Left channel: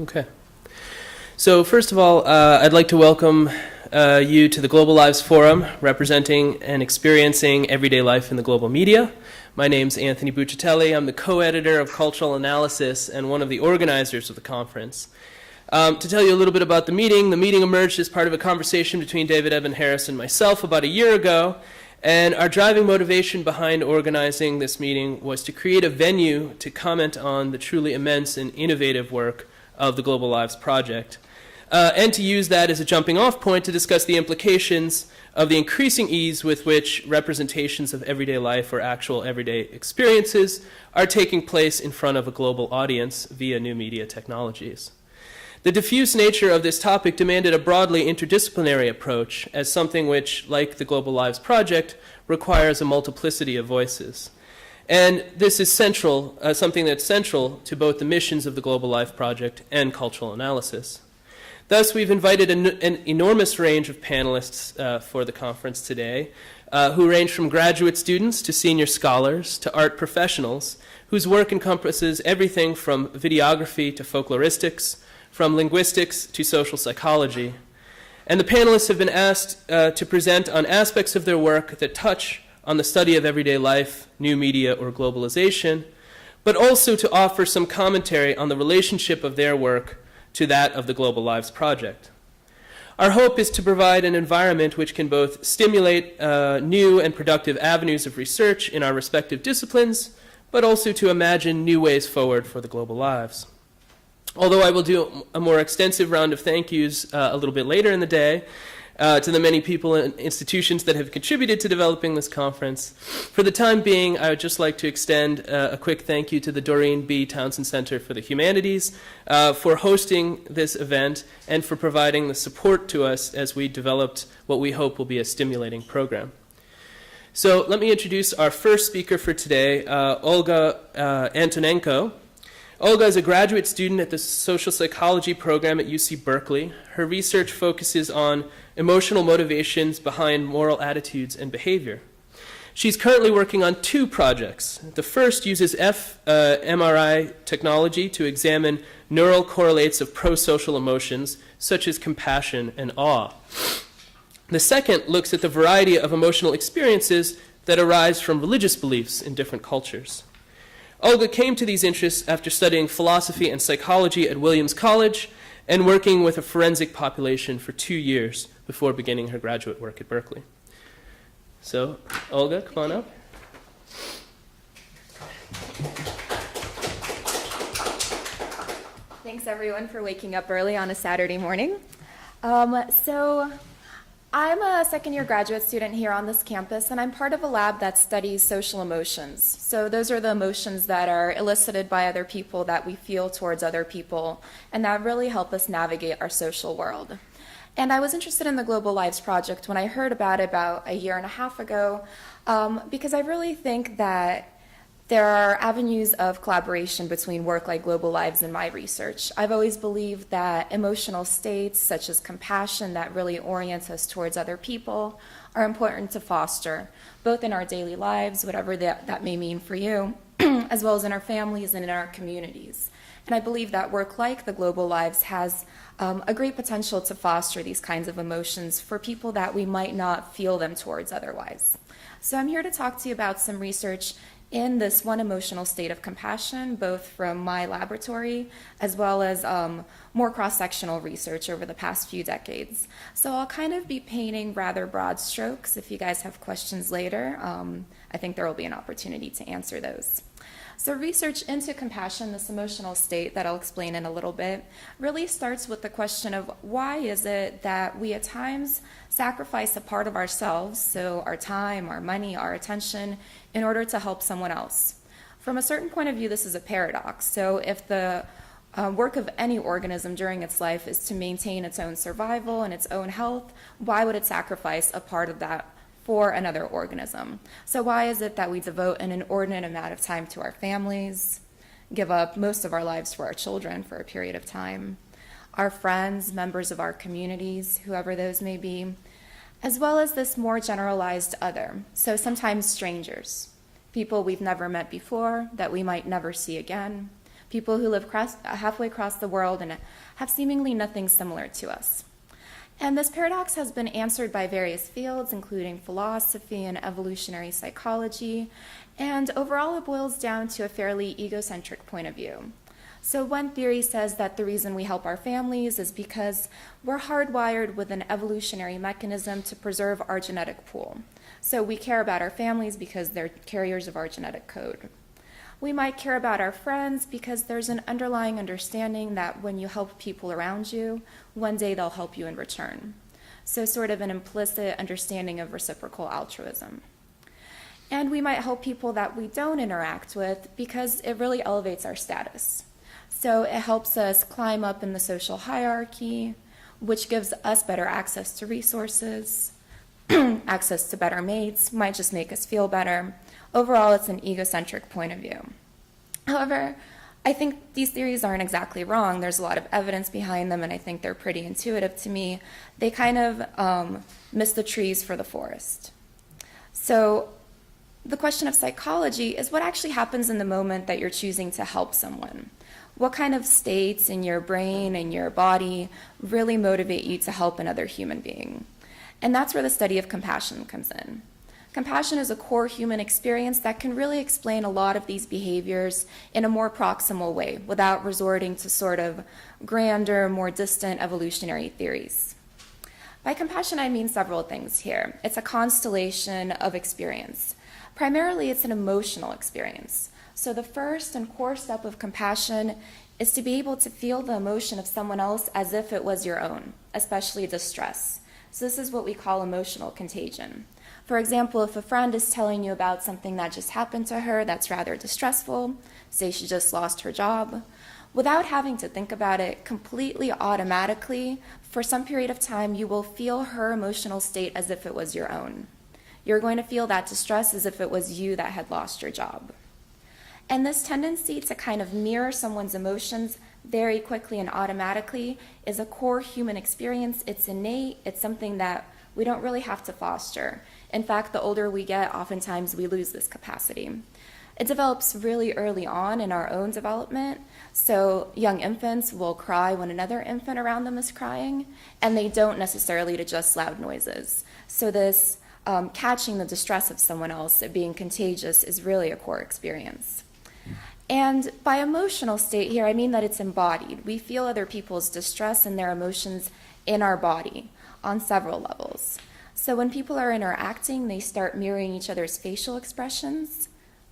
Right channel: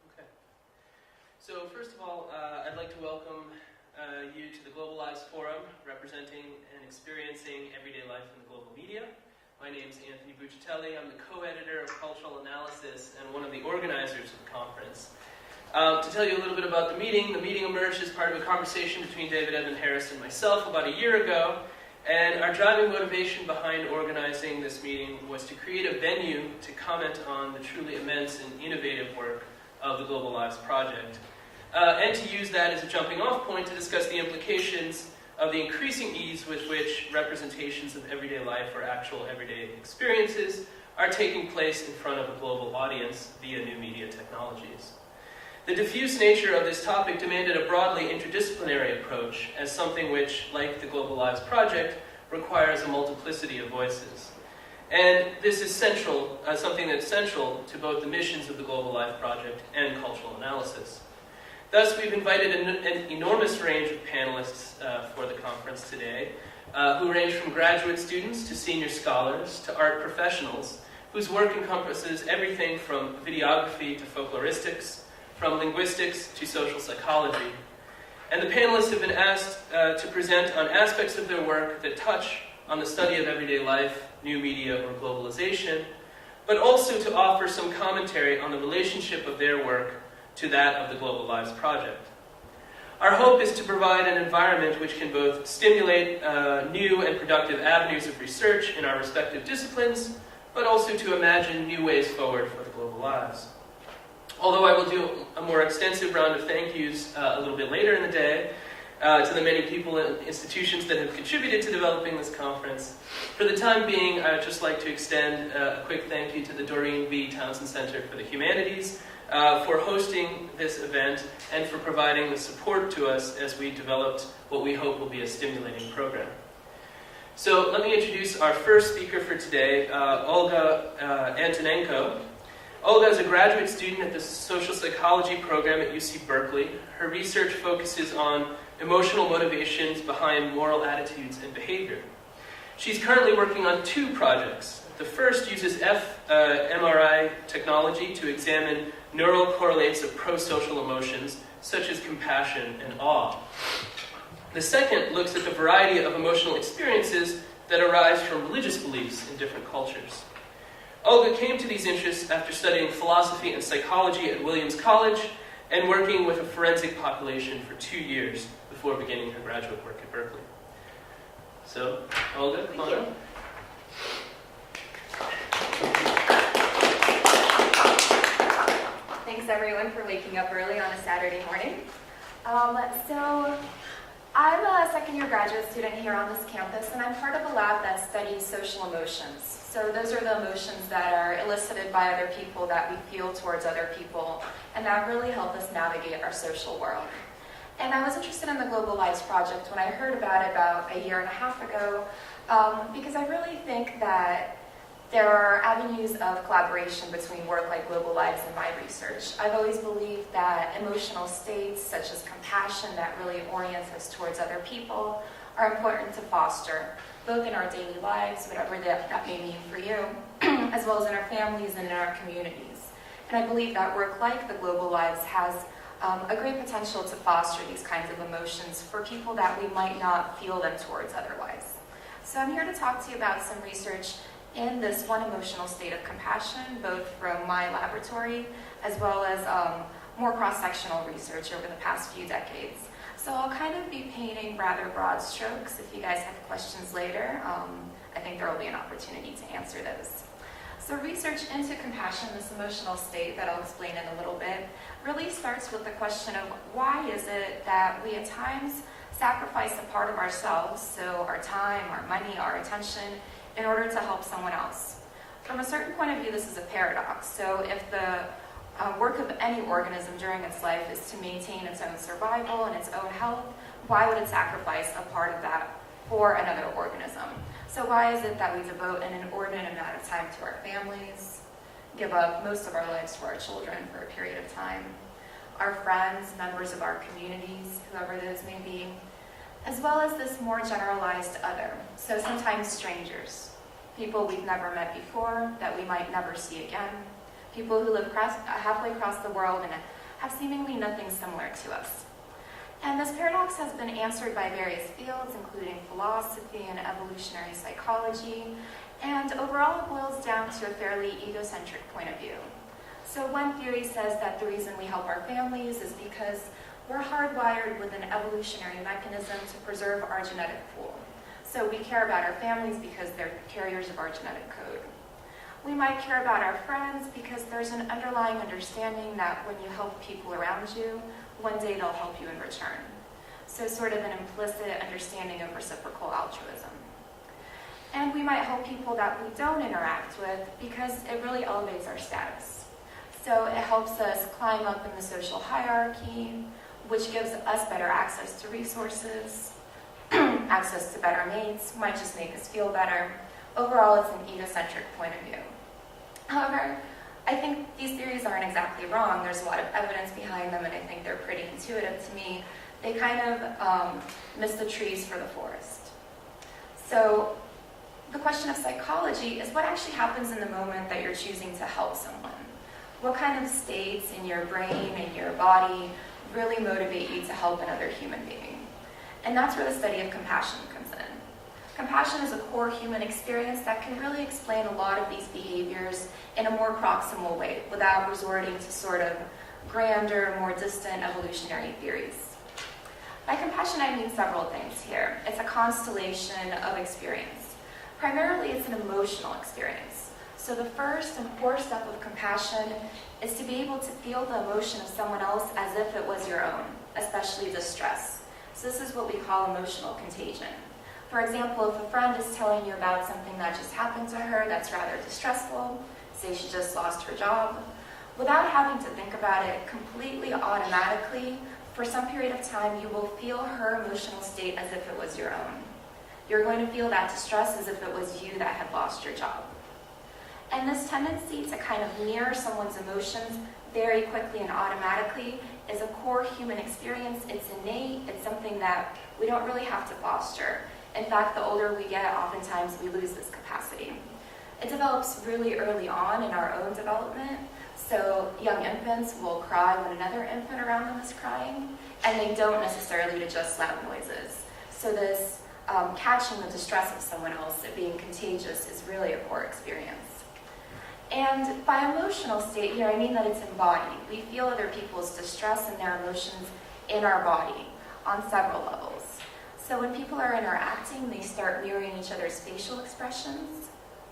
Okay. So first of all, I'd like to welcome you to the Global Lives Forum, representing and experiencing everyday life in the global media. My name's Anthony Buccitelli. I'm the co-editor of Cultural Analysis and one of the organizers of the conference. To tell you a little bit about the meeting emerged as part of a conversation between David Eben Harris and myself about a year ago, and our driving motivation behind organizing this meeting was to create a venue to comment on the truly immense and innovative work of the Global Lives Project, and to use that as a jumping-off point to discuss the implications of the increasing ease with which representations of everyday life or actual everyday experiences are taking place in front of a global audience via new media technologies. The diffuse nature of this topic demanded a broadly interdisciplinary approach as something which, like the Global Lives Project, requires a multiplicity of voices. And this is central, something that's central to both the missions of the Global Life Project and cultural analysis. Thus, we've invited an enormous range of panelists for the conference today, who range from graduate students to senior scholars to art professionals, whose work encompasses everything from videography to folkloristics, from linguistics to social psychology. And the panelists have been asked to present on aspects of their work that touch on the study of everyday life, new media, or globalization, but also to offer some commentary on the relationship of their work to that of the Global Lives Project. Our hope is to provide an environment which can both stimulate new and productive avenues of research in our respective disciplines, but also to imagine new ways forward for the global lives. Although I will do a more extensive round of thank yous a little bit later in the day, to the many people and institutions that have contributed to developing this conference. For the time being, I would just like to extend a quick thank you to the Doreen B. Townsend Center for the Humanities for hosting this event and for providing the support to us as we developed what we hope will be a stimulating program. So let me introduce our first speaker for today, Olga Antonenko. Olga is a graduate student at the social psychology program at UC Berkeley. Her research focuses on emotional motivations behind moral attitudes and behavior. She's currently working on two projects. The first uses fMRI technology to examine neural correlates of pro-social emotions, such as compassion and awe. The second looks at the variety of emotional experiences that arise from religious beliefs in different cultures. Olga came to these interests after studying philosophy and psychology at Williams College and working with a forensic population for 2 years before beginning her graduate work at Berkeley. So, Olga, come on up. Thanks everyone for waking up early on a Saturday morning. So I'm a second-year graduate student here on this campus, and I'm part of a lab that studies social emotions. So those are the emotions that are elicited by other people that we feel towards other people, and that really help us navigate our social world. And I was interested in the Global Lives Project when I heard about it about a year and a half ago, because I really think that there are avenues of collaboration between work like Global Lives and my research. I've always believed that emotional states such as compassion that really orient us towards other people are important to foster, both in our daily lives, whatever that may mean for you, as well as in our families and in our communities. And I believe that work like the Global Lives has a great potential to foster these kinds of emotions for people that we might not feel them towards otherwise. So I'm here to talk to you about some research in this one emotional state of compassion, both from my laboratory as well as more cross-sectional research over the past few decades. So I'll kind of be painting rather broad strokes. If you guys have questions later, I think there will be an opportunity to answer those. So research into compassion, this emotional state that I'll explain in a little bit, really starts with the question of why is it that we at times sacrifice a part of ourselves, so our time, our money, our attention, in order to help someone else. From a certain point of view, this is a paradox. So if the work of any organism during its life is to maintain its own survival and its own health, why would it sacrifice a part of that for another organism? So why is it that we devote an inordinate amount of time to our families, give up most of our lives for our children for a period of time, our friends, members of our communities, whoever those may be, as well as this more generalized other, so sometimes strangers, people we've never met before that we might never see again, people who live halfway across the world and have seemingly nothing similar to us. And this paradox has been answered by various fields, including philosophy and evolutionary psychology, and overall it boils down to a fairly egocentric point of view. So one theory says that the reason we help our families is because we're hardwired with an evolutionary mechanism to preserve our genetic pool. So we care about our families because they're carriers of our genetic code. We might care about our friends because there's an underlying understanding that when you help people around you, one day they'll help you in return. So sort of an implicit understanding of reciprocal altruism. And we might help people that we don't interact with because it really elevates our status. So it helps us climb up in the social hierarchy, which gives us better access to resources, access to better mates, might just make us feel better. Overall, it's an egocentric point of view. However, I think these theories aren't exactly wrong. There's a lot of evidence behind them, and I think they're pretty intuitive to me. They kind of miss the trees for the forest. So the question of psychology is what actually happens in the moment that you're choosing to help someone. What kind of states in your brain and your body really motivate you to help another human being? And that's where the study of compassion comes in. Compassion is a core human experience that can really explain a lot of these behaviors in a more proximal way without resorting to sort of grander, more distant evolutionary theories. By compassion, I mean several things here. It's a constellation of experience. Primarily, it's an emotional experience. So the first and core step of compassion is to be able to feel the emotion of someone else as if it was your own, especially distress. So this is what we call emotional contagion. For example, if a friend is telling you about something that just happened to her that's rather distressful, say she just lost her job, without having to think about it, completely automatically, for some period of time, you will feel her emotional state as if it was your own. You're going to feel that distress as if it was you that had lost your job. And this tendency to kind of mirror someone's emotions very quickly and automatically is a core human experience. It's innate. It's something that we don't really have to foster. In fact, the older we get, oftentimes we lose this capacity. It develops really early on in our own development. So young infants will cry when another infant around them is crying, and they don't necessarily to just loud noises. So this catching the distress of someone else, it being contagious, is really a core experience. And by emotional state here, I mean that it's embodied. We feel other people's distress and their emotions in our body on several levels. So when people are interacting, they start mirroring each other's facial expressions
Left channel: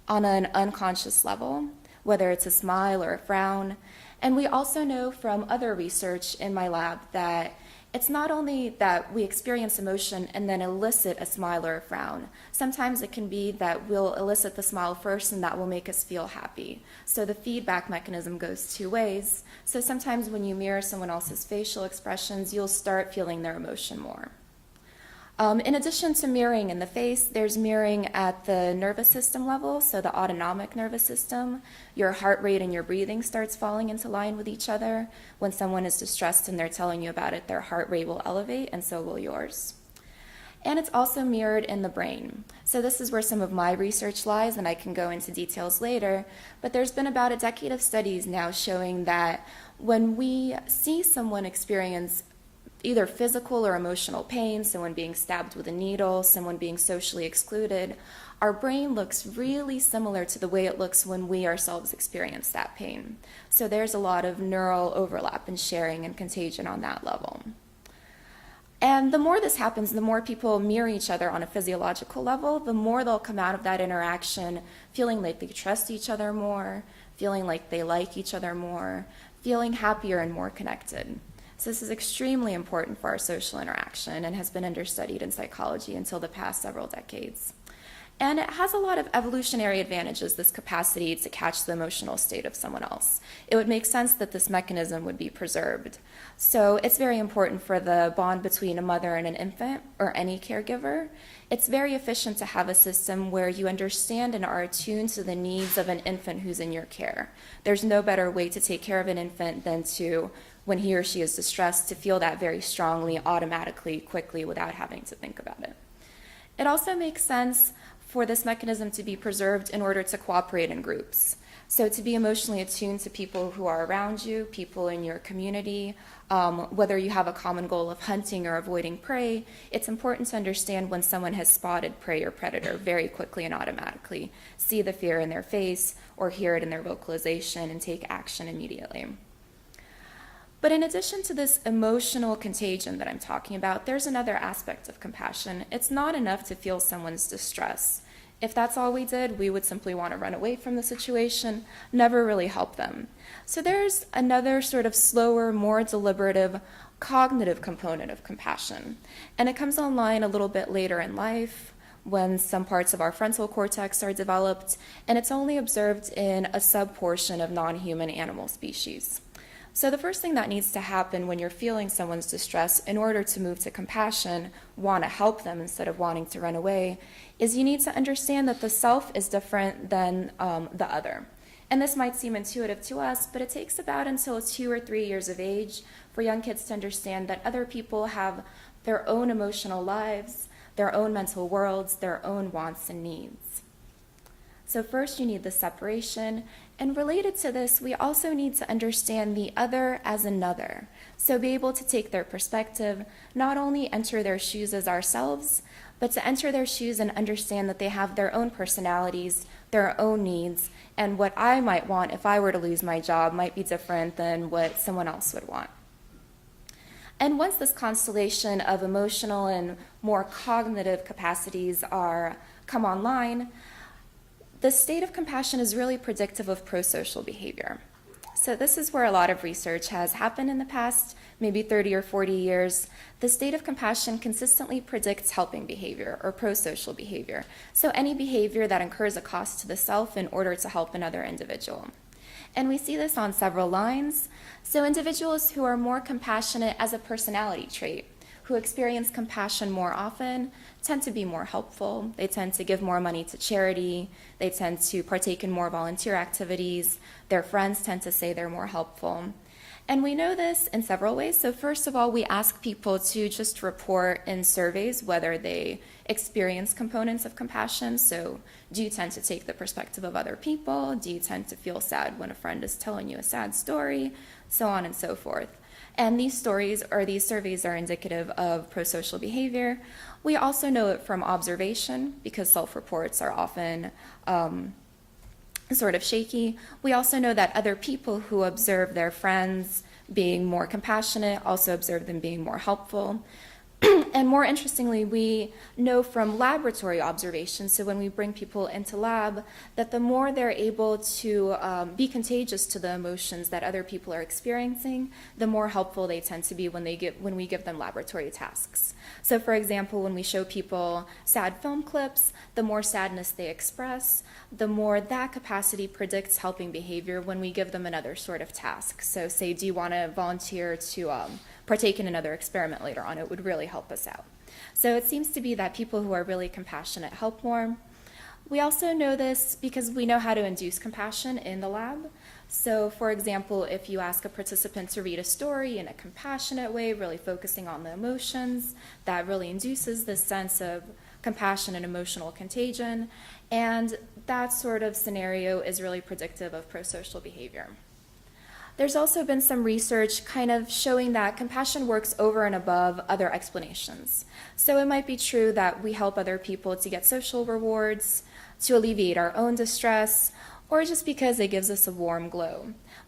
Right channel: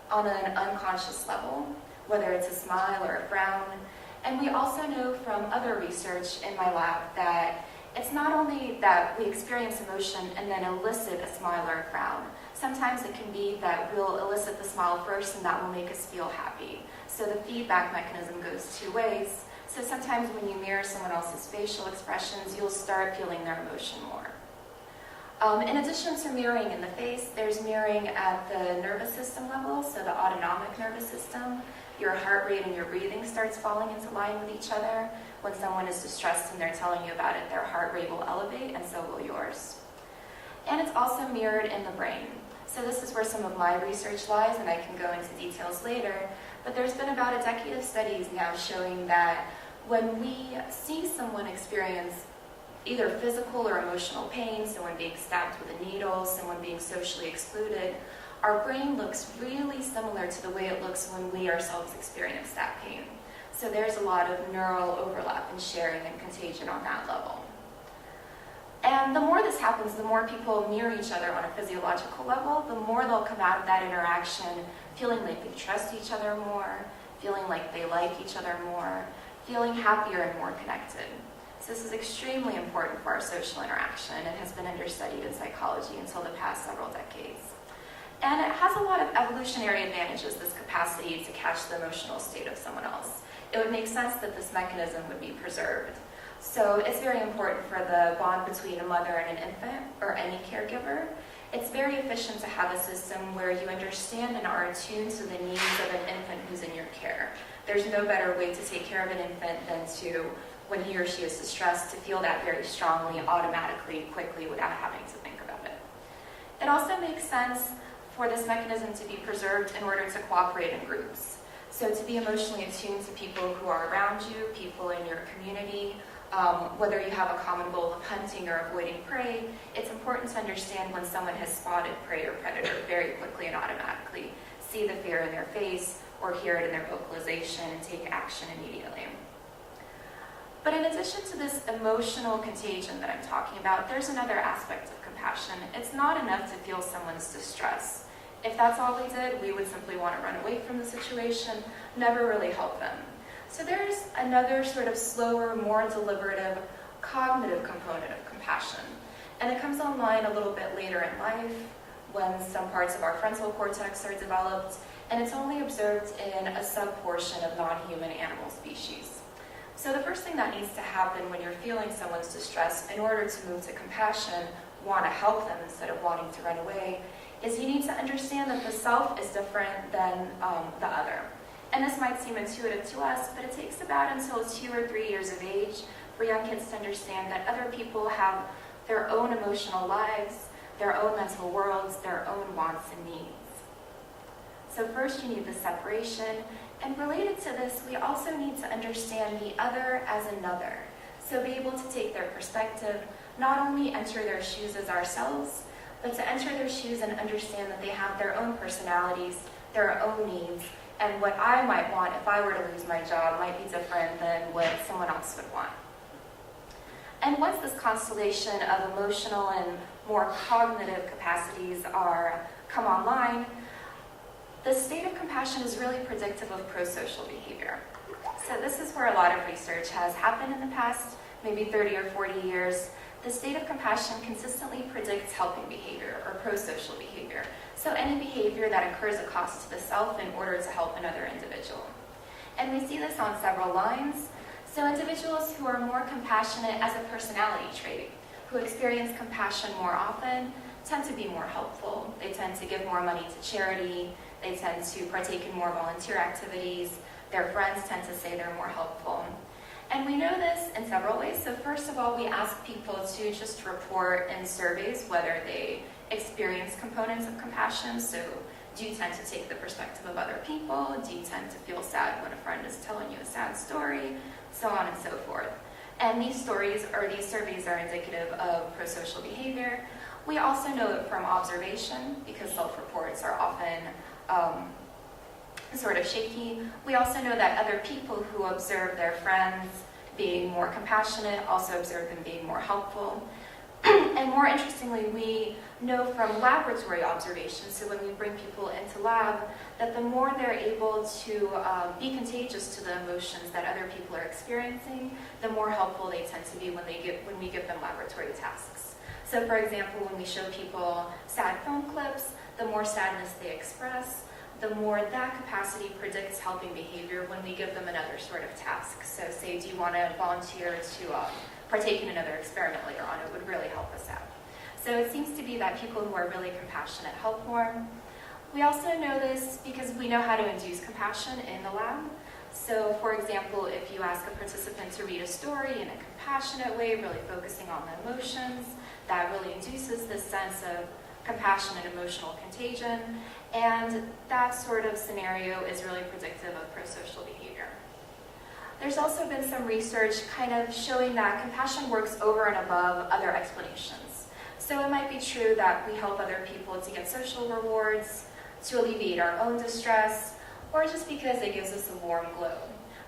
on an unconscious level, whether it's a smile or a frown. And we also know from other research in my lab that it's not only that we experience emotion and then elicit a smile or a frown. Sometimes it can be that we'll elicit the smile first and that will make us feel happy. So the feedback mechanism goes two ways. So sometimes when you mirror someone else's facial expressions, you'll start feeling their emotion more. In addition to mirroring in the face, there's mirroring at the nervous system level, so the autonomic nervous system. Your heart rate and your breathing starts falling into line with each other. When someone is distressed and they're telling you about it, their heart rate will elevate, and so will yours. And it's also mirrored in the brain. So this is where some of my research lies, and I can go into details later. But there's been about a decade of studies now showing that when we see someone experience either physical or emotional pain, someone being stabbed with a needle, someone being socially excluded, our brain looks really similar to the way it looks when we ourselves experience that pain. So there's a lot of neural overlap and sharing and contagion on that level. And the more this happens, the more people mirror each other on a physiological level, the more they'll come out of that interaction feeling like they trust each other more, feeling like they like each other more, feeling happier and more connected. So this is extremely important for our social interaction and has been understudied in psychology until the past several decades. And it has a lot of evolutionary advantages, this capacity to catch the emotional state of someone else. It would make sense that this mechanism would be preserved. So it's very important for the bond between a mother and an infant, or any caregiver. It's very efficient to have a system where you understand and are attuned to the needs of an infant who's in your care. There's no better way to take care of an infant than to, when he or she is distressed, to feel that very strongly, automatically, quickly, without having to think about it. It also makes sense for this mechanism to be preserved in order to cooperate in groups. So to be emotionally attuned to people who are around you, people in your community, whether you have a common goal of hunting or avoiding prey, it's important to understand when someone has spotted prey or predator very quickly and automatically. See the fear in their face or hear it in their vocalization and take action immediately. But in addition to this emotional contagion that I'm talking about, there's another aspect of compassion. It's not enough to feel someone's distress. If that's all we did, we would simply want to run away from the situation, never really help them. So there's another sort of slower, more deliberative, cognitive component of compassion. And it comes online a little bit later in life when some parts of our frontal cortex are developed, and it's only observed in a subportion of non-human animal species. So the first thing that needs to happen when you're feeling someone's distress in order to move to compassion, want to help them instead of wanting to run away, is you need to understand that the self is different than the other. And this might seem intuitive to us, but it takes about until 2 or 3 years of age for young kids to understand that other people have their own emotional lives, their own mental worlds, their own wants and needs. So first you need the separation, and related to this, we also need to understand the other as another. So be able to take their perspective, not only enter their shoes as ourselves, but to enter their shoes and understand that they have their own personalities, their own needs, and what I might want if I were to lose my job might be different than what someone else would want. And once this constellation of emotional and more cognitive capacities come online, the state of compassion is really predictive of prosocial behavior. So this is where a lot of research has happened in the past, maybe 30 or 40 years. The state of compassion consistently predicts helping behavior or prosocial behavior. So any behavior that incurs a cost to the self in order to help another individual. And we see this on several lines. So individuals who are more compassionate as a personality trait, who experience compassion more often, tend to be more helpful. They tend to give more money to charity. They tend to partake in more volunteer activities. Their friends tend to say they're more helpful. And we know this in several ways. So first of all, we ask people to just report in surveys whether they experience components of compassion. So do you tend to take the perspective of other people? Do you tend to feel sad when a friend is telling you a sad story? So on and so forth. And these stories or these surveys are indicative of prosocial behavior. We also know it from observation because self-reports are often sort of shaky. We also know that other people who observe their friends being more compassionate also observe them being more helpful. And more interestingly, we know from laboratory observations, so when we bring people into lab, that the more they're able to be contagious to the emotions that other people are experiencing, the more helpful they tend to be when we give them laboratory tasks. So for example, when we show people sad film clips, the more sadness they express, the more that capacity predicts helping behavior when we give them another sort of task. So say, do you want to volunteer to partake in another experiment later on? It would really help us out. So it seems to be that people who are really compassionate help more. We also know this because we know how to induce compassion in the lab. So for example, if you ask a participant to read a story in a compassionate way, really focusing on the emotions, that really induces this sense of compassion and emotional contagion. And that sort of scenario is really predictive of prosocial behavior. There's also been some research kind of showing that compassion works over and above other explanations. So it might be true that we help other people to get social rewards, to alleviate our own distress, or just because it gives us a warm glow.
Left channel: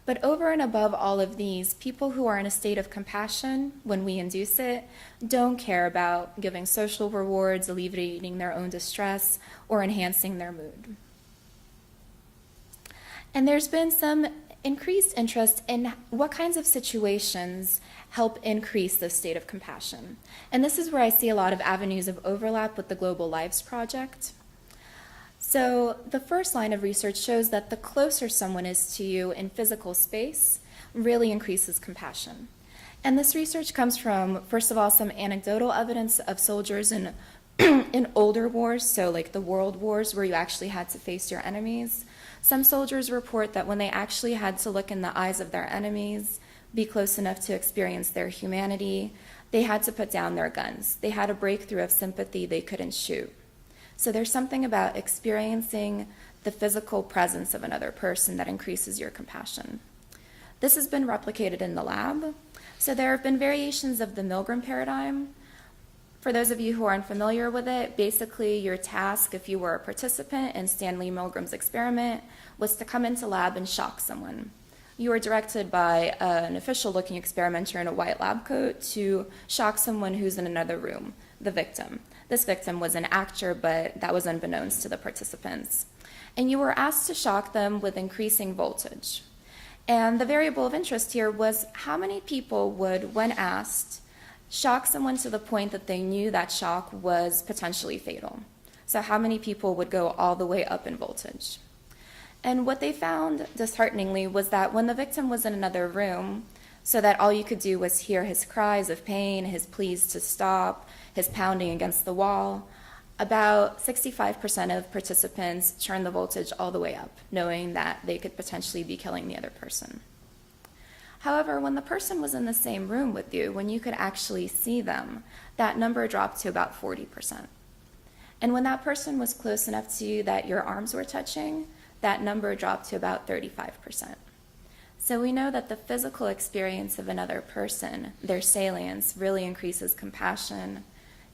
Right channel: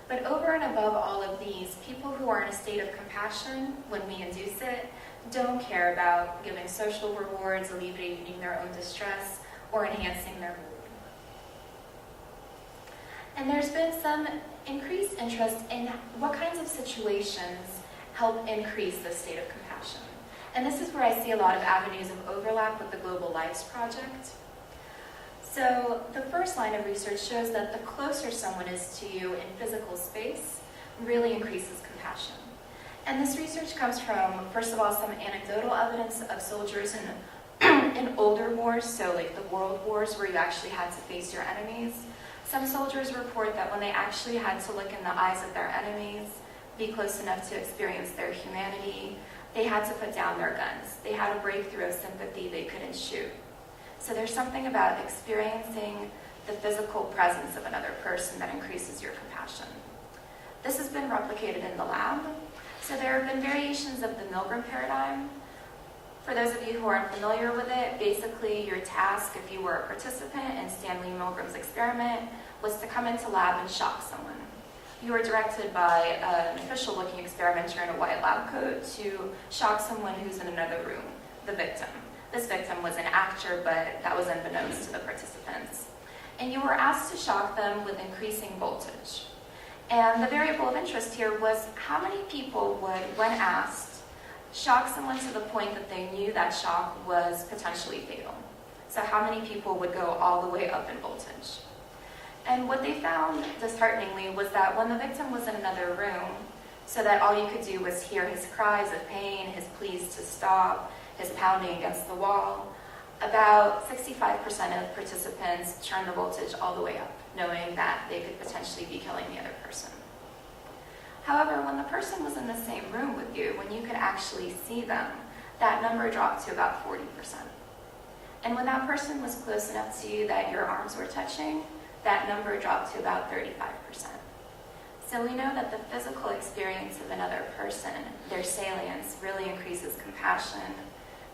But over and above all of these, people who are in a state of compassion, when we induce it, don't care about giving social rewards, alleviating their own distress, or enhancing their mood. And there's been some increased interest in what kinds of situations help increase this state of compassion. And this is where I see a lot of avenues of overlap with the Global Lives Project. So the first line of research shows that the closer someone is to you in physical space really increases compassion. And this research comes from, first of all, some anecdotal evidence of soldiers in older wars, so like the world wars where you actually had to face your enemies. Some soldiers report that when they actually had to look in the eyes of their enemies, be close enough to experience their humanity, they had to put down their guns. They had a breakthrough of sympathy they couldn't shoot. So there's something about experiencing the physical presence of another person that increases your compassion. This has been replicated in the lab. So there have been variations of the Milgram paradigm. For those of you who aren't familiar with it, basically your task, if you were a participant in Stanley Milgram's experiment, was to come into lab and shock someone. You were directed by an official-looking experimenter in a white lab coat to shock someone who's in another room, the victim. This victim was an actor, but that was unbeknownst to the participants. And you were asked to shock them with increasing voltage. And the variable of interest here was how many people would, when asked, shock someone to the point that they knew that shock was potentially fatal. So how many people would go all the way up in voltage? And what they found, dishearteningly, was that when the victim was in another room, so that all you could do was hear his cries of pain, his pleas to stop, his pounding against the wall, about 65% of participants turned the voltage all the way up, knowing that they could potentially be killing the other person. However, when the person was in the same room with you, when you could actually see them, that number dropped to about 40%. And when that person was close enough to you that your arms were touching, that number dropped to about 35%. So we know that the physical experience of another person, their salience, really increases compassion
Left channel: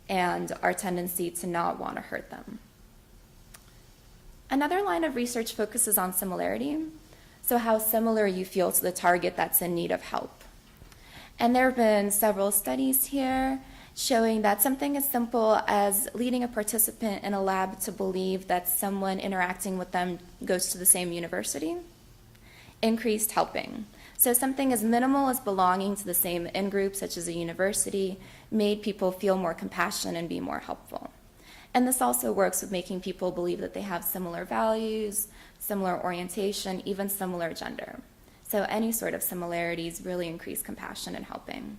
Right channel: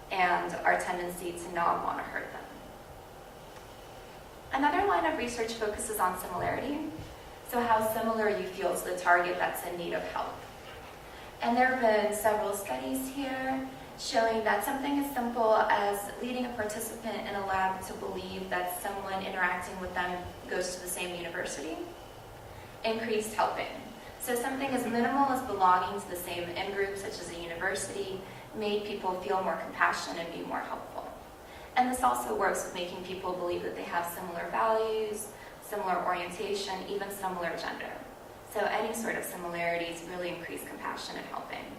and our tendency to not want to hurt them. Another line of research focuses on similarity. So how similar you feel to the target that's in need of help. And there have been several studies here showing that something as simple as leading a participant in a lab to believe that someone interacting with them goes to the same university increased helping. So something as minimal as belonging to the same in-group, such as a university, made people feel more compassionate and be more helpful. And this also works with making people believe that they have similar values, similar orientation, even similar gender. So any sort of similarities really increase compassion and helping.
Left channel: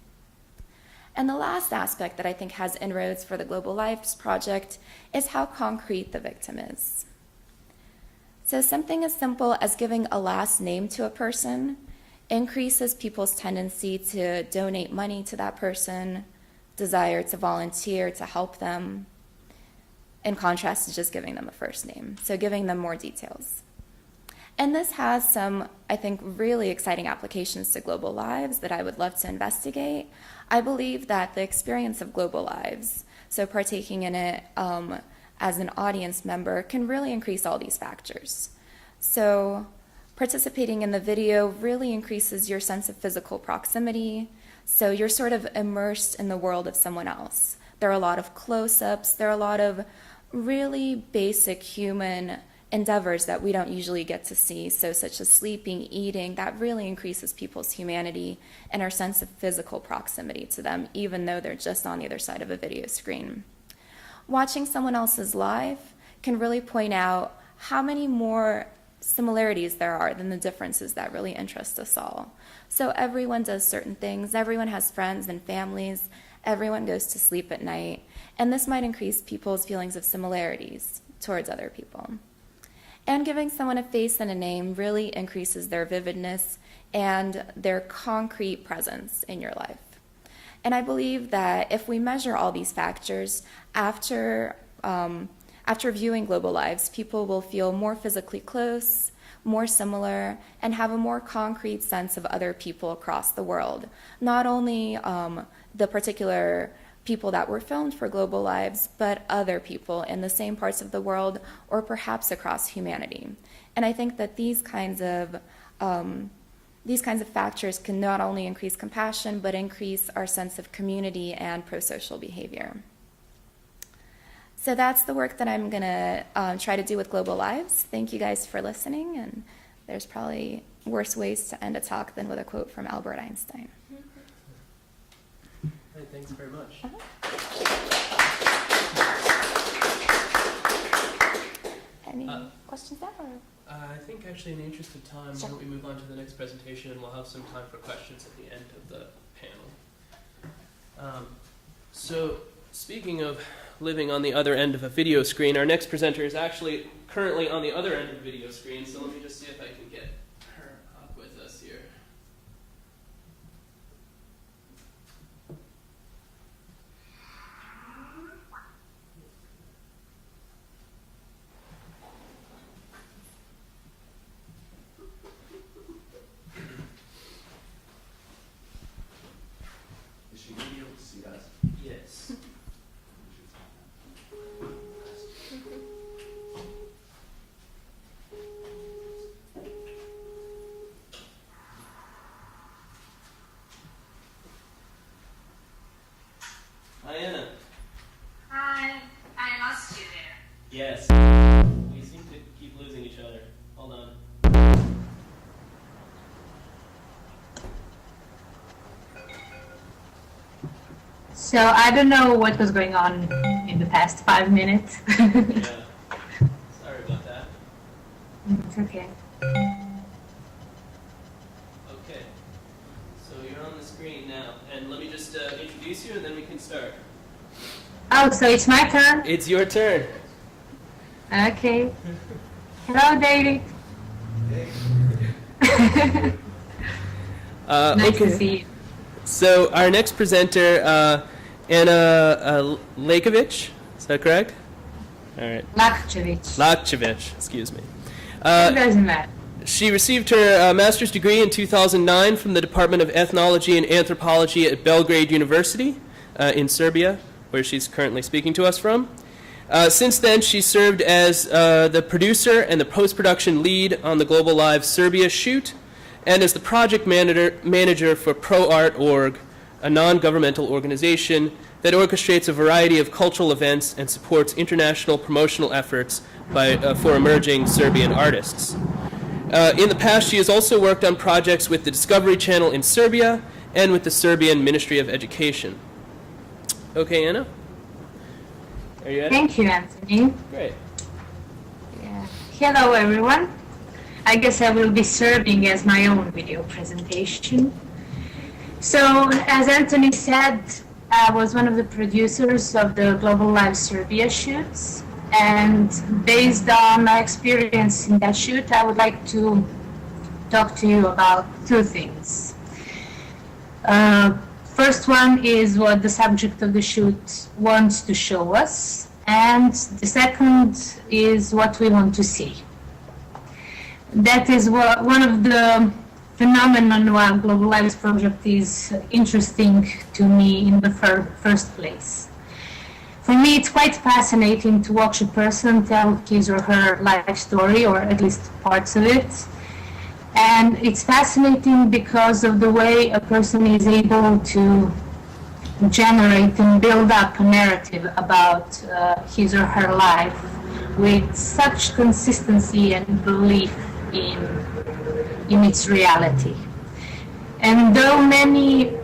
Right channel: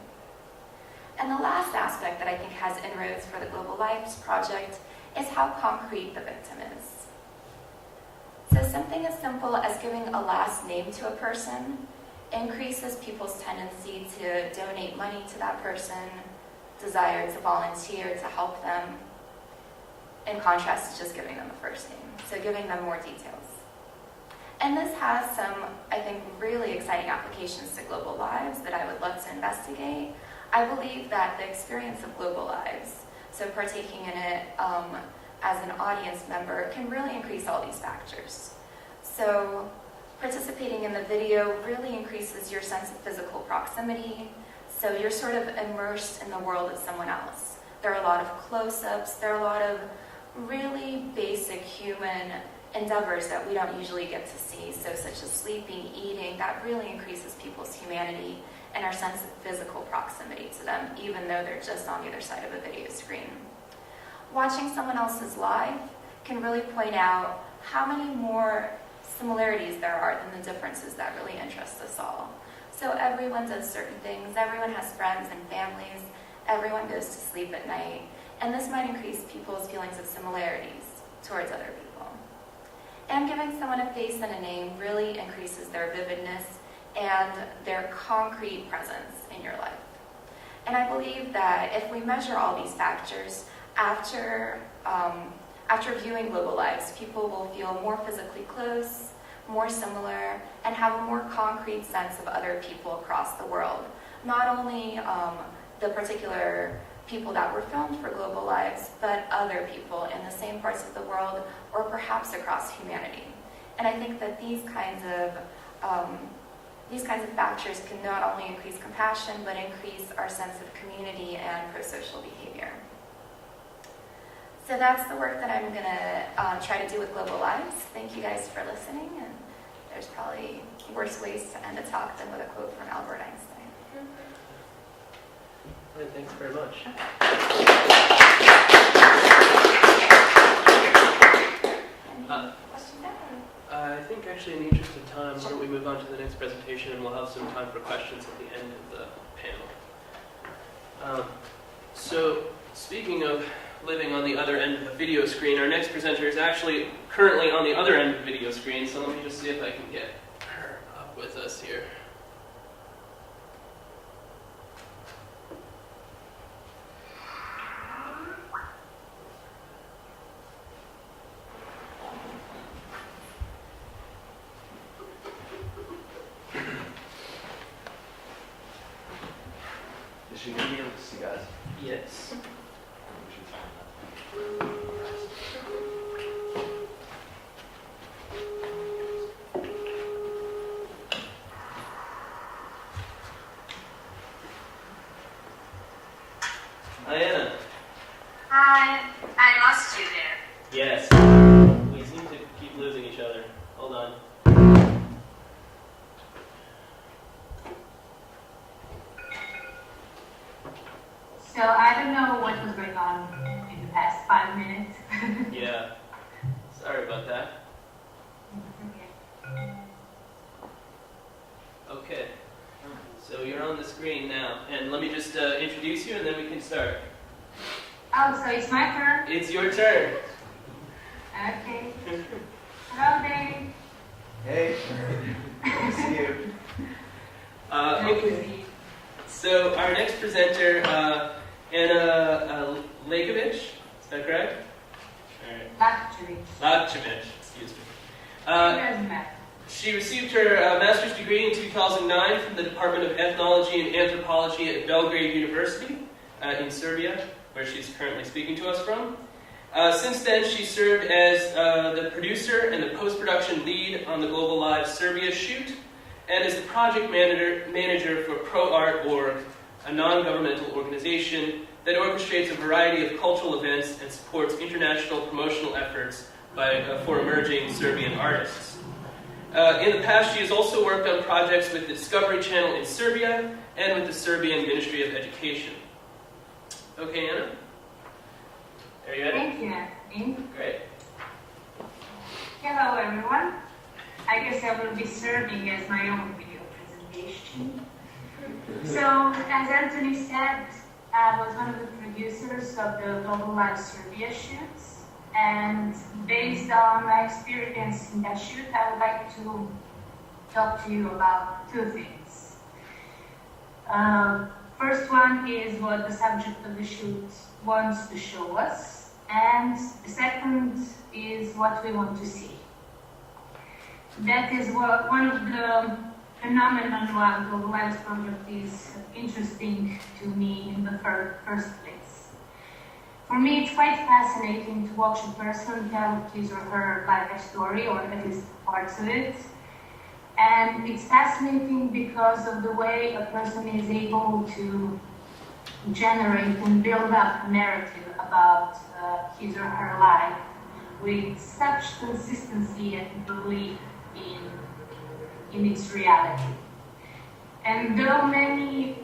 And the last aspect that I think has inroads for the Global Lives Project is how concrete the victim is. So something as simple as giving a last name to a person increases people's tendency to donate money to that person, desire to volunteer to help them, in contrast to just giving them a first name. So giving them more details. And this has some, I think, really exciting applications to Global Lives that I would love to investigate. I believe that the experience of Global Lives, so partaking in it as an audience member, can really increase all these factors. So participating in the video really increases your sense of physical proximity, so you're sort of immersed in the world of someone else. There are a lot of close-ups, there are a lot of really basic human endeavors that we don't usually get to see, so such as sleeping, eating, that really increases people's humanity and our sense of physical proximity to them, even though they're just on the other side of a video screen. Watching someone else's life can really point out how many more similarities there are than the differences that really interest us all. So everyone does certain things, everyone has friends and families, everyone goes to sleep at night, and this might increase people's feelings of similarities towards other people. And giving someone a face and a name really increases their vividness and their concrete presence in your life. And I believe that if we measure all these factors, after viewing Global Lives, people will feel more physically close, more similar, and have a more concrete sense of other people across the world. Not only the particular people that were filmed for Global Lives, but other people in the same parts of the world or perhaps across humanity. And I think that these kinds of factors can not only increase compassion, but increase our sense of community and pro-social behavior. So that's the work that I'm going to try to do with Global Lives. Thank you guys for listening, and there's probably worse ways to end a talk than with a quote from Albert Einstein. Right, thanks very much. Any questions there? I think actually in the interest of time, why don't we move on to the next presentation, and we'll have some time for questions at the end of the panel. So speaking of living on the other end of a video screen, our next presenter is actually currently on the other end of a video screen, so let me just see if I can get her up with us here. Yes. Diana. Hi, I lost you there. Yes. We seem to keep losing each other. Hold on. So I don't know what was going on in the past 5 minutes. Yeah. Sorry about that. It's okay. Okay. So you're on the screen now. And let me just introduce you and then we can start. Oh, so it's my turn? It's your turn. Okay. Hello, David. Hey. Nice okay. to see you. So our next presenter, Anna Lakovic, is that correct? All right. Lakchevich, excuse me. It doesn't matter. She received her master's degree in 2009 from the Department of Ethnology and Anthropology at Belgrade University in Serbia, where she's currently speaking to us from. Since then, she served as the producer and the post-production lead on the Global Live Serbia shoot, and as the project manager for ProArt.org, a non-governmental organization that orchestrates a variety of cultural events and supports international promotional efforts for emerging Serbian artists. In the past, she has also worked on projects with the Discovery Channel in Serbia and with the Serbian Ministry of Education. Okay, Anna? Are you ready? Thank you, Anthony. Great. Hello, everyone. I guess I will be serving as my own video presentation. So, as Anthony said, I was one of the producers of the Global Live Serbia shoots, and based on my experience in that shoot, I would like to talk to you about two things. First one is what the subject of the shoot wants to show us, and the second is what we want to see. That is one of the phenomenon why Global Lives project is interesting to me in the first place. For me, it's quite fascinating to watch a person tell his or her life story, or at least parts of it. And it's fascinating because of the way a person is able to generate and build up a narrative about his or her life with such consistency and belief in its reality. And though many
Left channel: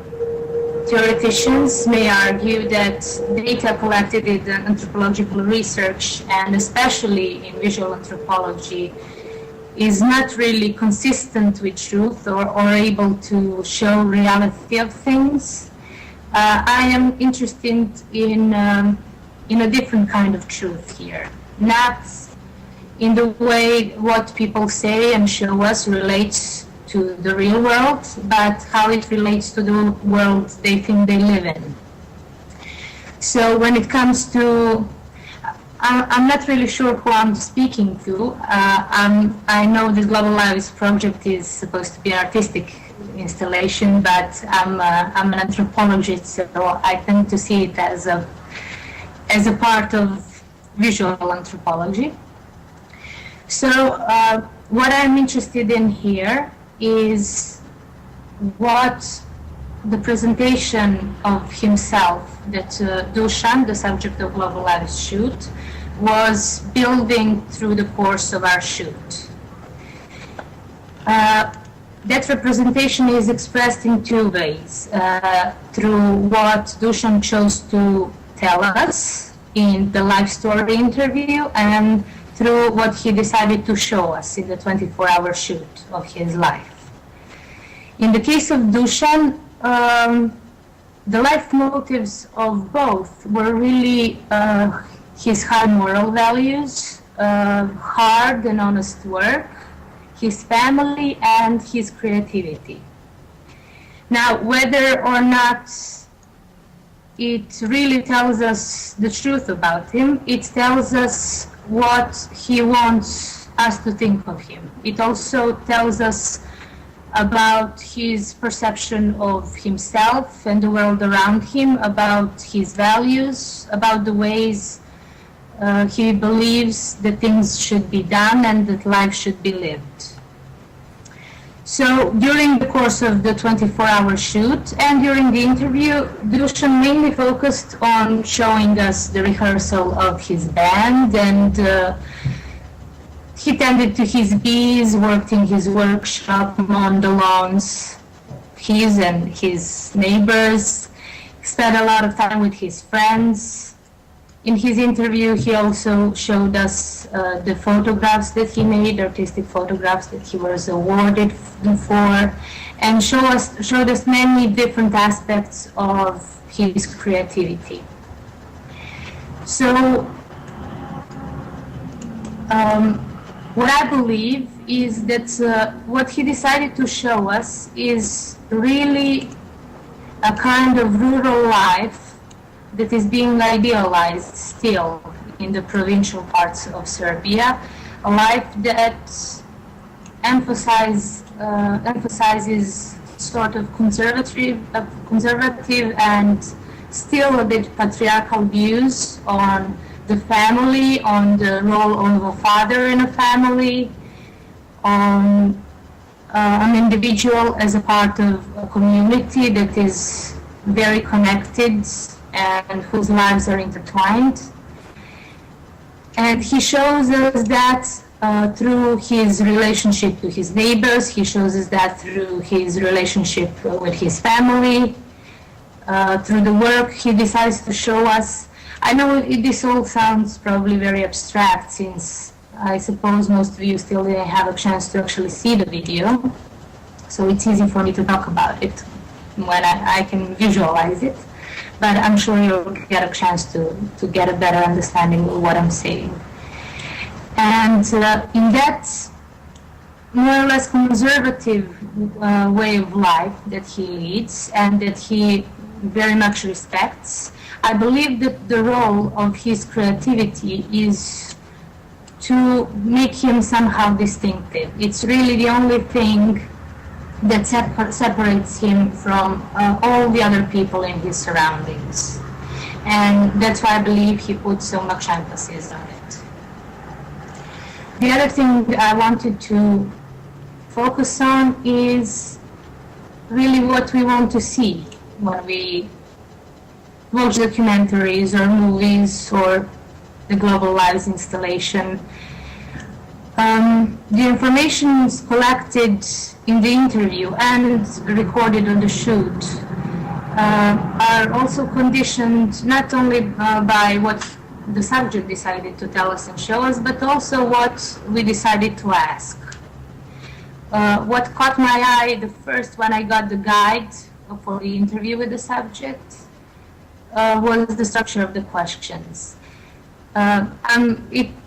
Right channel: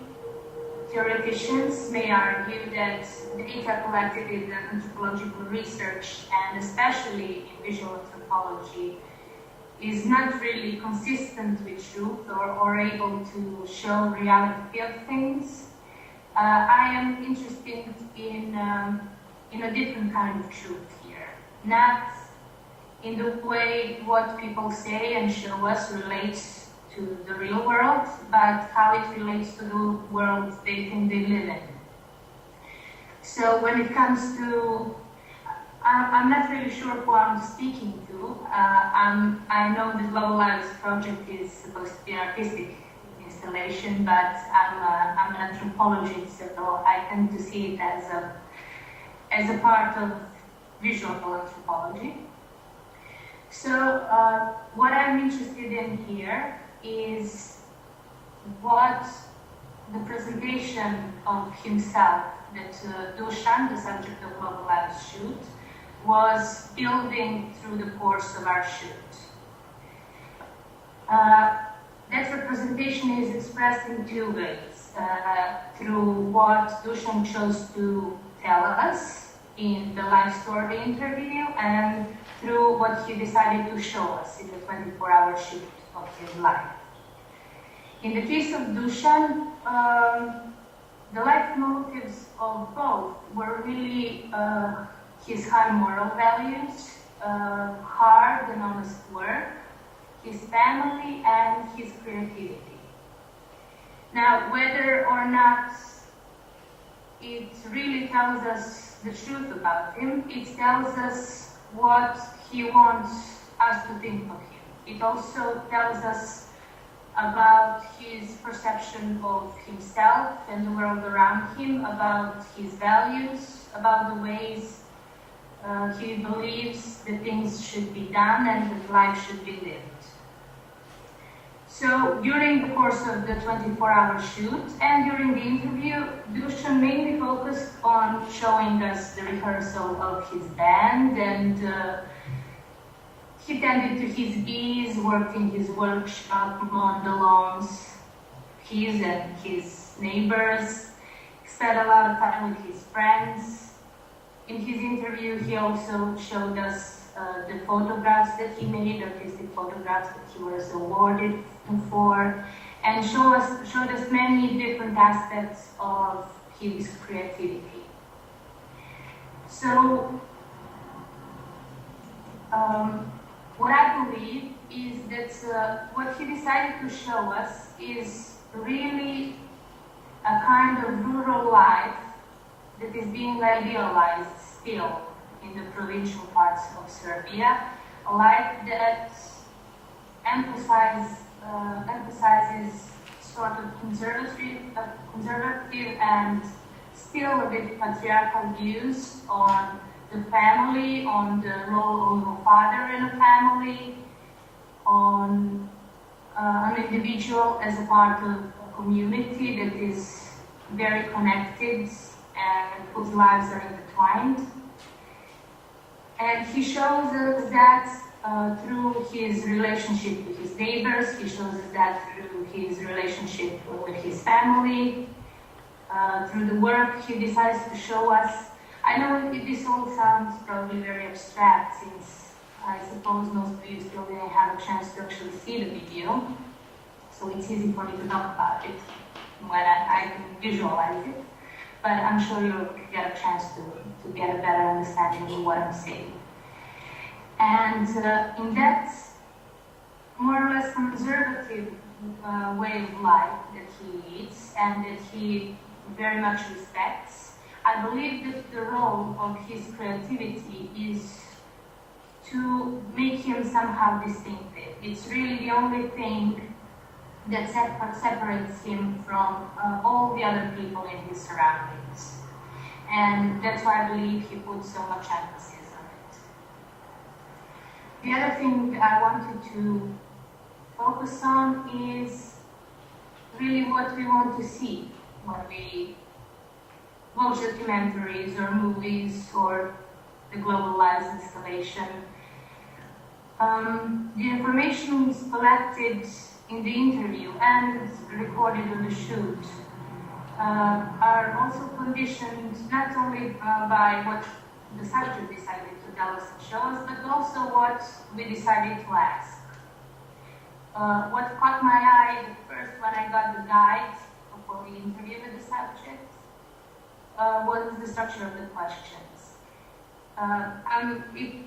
theoreticians may argue that data collected in anthropological research, and especially in visual anthropology, is not really consistent with truth or able to show reality of things, I am interested in a different kind of truth here. Not in the way what people say and show us relates to the real world, but how it relates to the world they think they live in. So when it comes to, I'm not really sure who I'm speaking to. I know this Global Lives project is supposed to be an artistic installation, but I'm an anthropologist, so I tend to see it as a part of visual anthropology. So what I'm interested in here is what the presentation of himself that Dusan, the subject of Global Lives shoot, was building through the course of our shoot. That representation is expressed in two ways, through what Dusan chose to tell us in the live story interview, and through what he decided to show us in the 24-hour shoot of his life. In the case of Dusan, the life motives of both were really his high moral values, hard and honest work, his family, and his creativity. Now, whether or not it really tells us the truth about him, it tells us what he wants us to think of him. It also tells us about his perception of himself and the world around him, about his values, about the ways he believes that things should be done and that life should be lived. So during the course of the 24-hour shoot and during the interview, Dusan mainly focused on showing us the rehearsal of his band, and he tended to his bees, worked in his workshop, mowed the lawns, his and his neighbors, spent a lot of time with his friends. In his interview, he also showed us the photographs that he made, artistic photographs that he was awarded for, and showed us many different aspects of his creativity. So, what I believe is that what he decided to show us is really a kind of rural life that is being idealized still in the provincial parts of Serbia, a life that emphasizes sort of conservative and still a bit patriarchal views on the family, on the role of a father in a family, on an individual as a part of a community that is very connected and whose lives are intertwined. And he shows us that through his relationship to his neighbors, he shows us that through his relationship with his family, through the work he decides to show us. I know this all sounds probably very abstract, since I suppose most of you still didn't have a chance to actually see the video, so it's easy for me to talk about it when I can visualize it. But I'm sure you'll get a chance to get a better understanding of what I'm saying. And in that more or less conservative way of life that he leads and that he very much respects, I believe that the role of his creativity is to make him somehow distinctive. It's really the only thing that separates him from all the other people in his surroundings. And that's why I believe he puts so much emphasis on it. The other thing I wanted to focus on is really what we want to see when we watch documentaries or movies or the Global Lives installation. The information collected in the interview and recorded on the shoot are also conditioned not only by what the subject decided to tell us and show us, but also what we decided to ask. What caught my eye the first when I got the guide for the interview with the subject was the structure of the questions.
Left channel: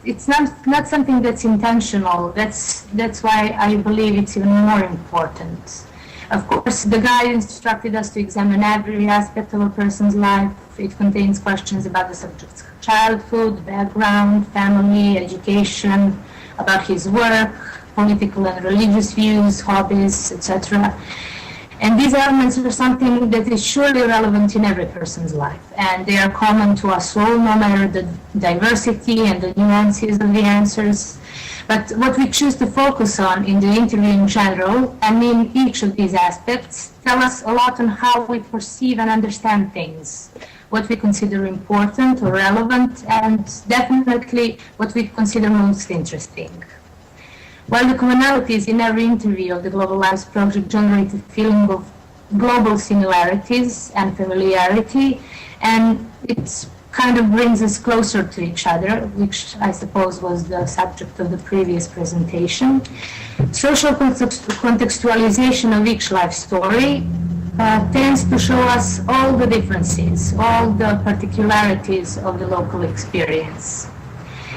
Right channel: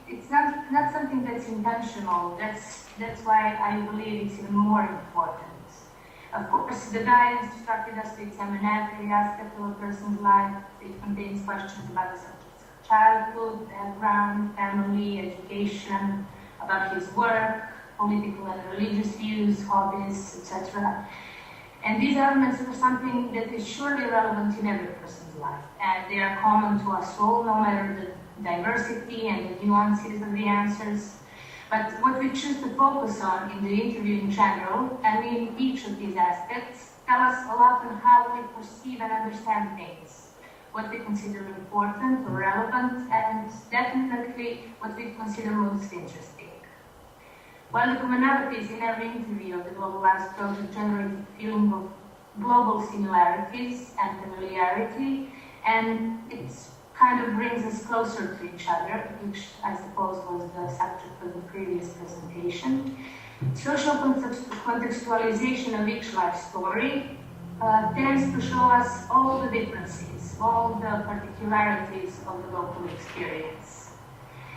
It's not something that's intentional. That's why I believe it's even more important. Of course, the guide instructed us to examine every aspect of a person's life. It contains questions about the subject's childhood, background, family, education, about his work, political and religious views, hobbies, etc. And these elements are something that is surely relevant in every person's life, and they are common to us all, no matter the diversity and the nuances of the answers. But what we choose to focus on in the interview in general, and in each of these aspects, tell us a lot on how we perceive and understand things, what we consider important or relevant, and definitely what we consider most interesting. While the commonalities in every interview of the Global Lives project generate a feeling of global similarities and familiarity, and it kind of brings us closer to each other, which I suppose was the subject of the previous presentation, social contextualization of each life story tends to show us all the differences, all the particularities of the local experience.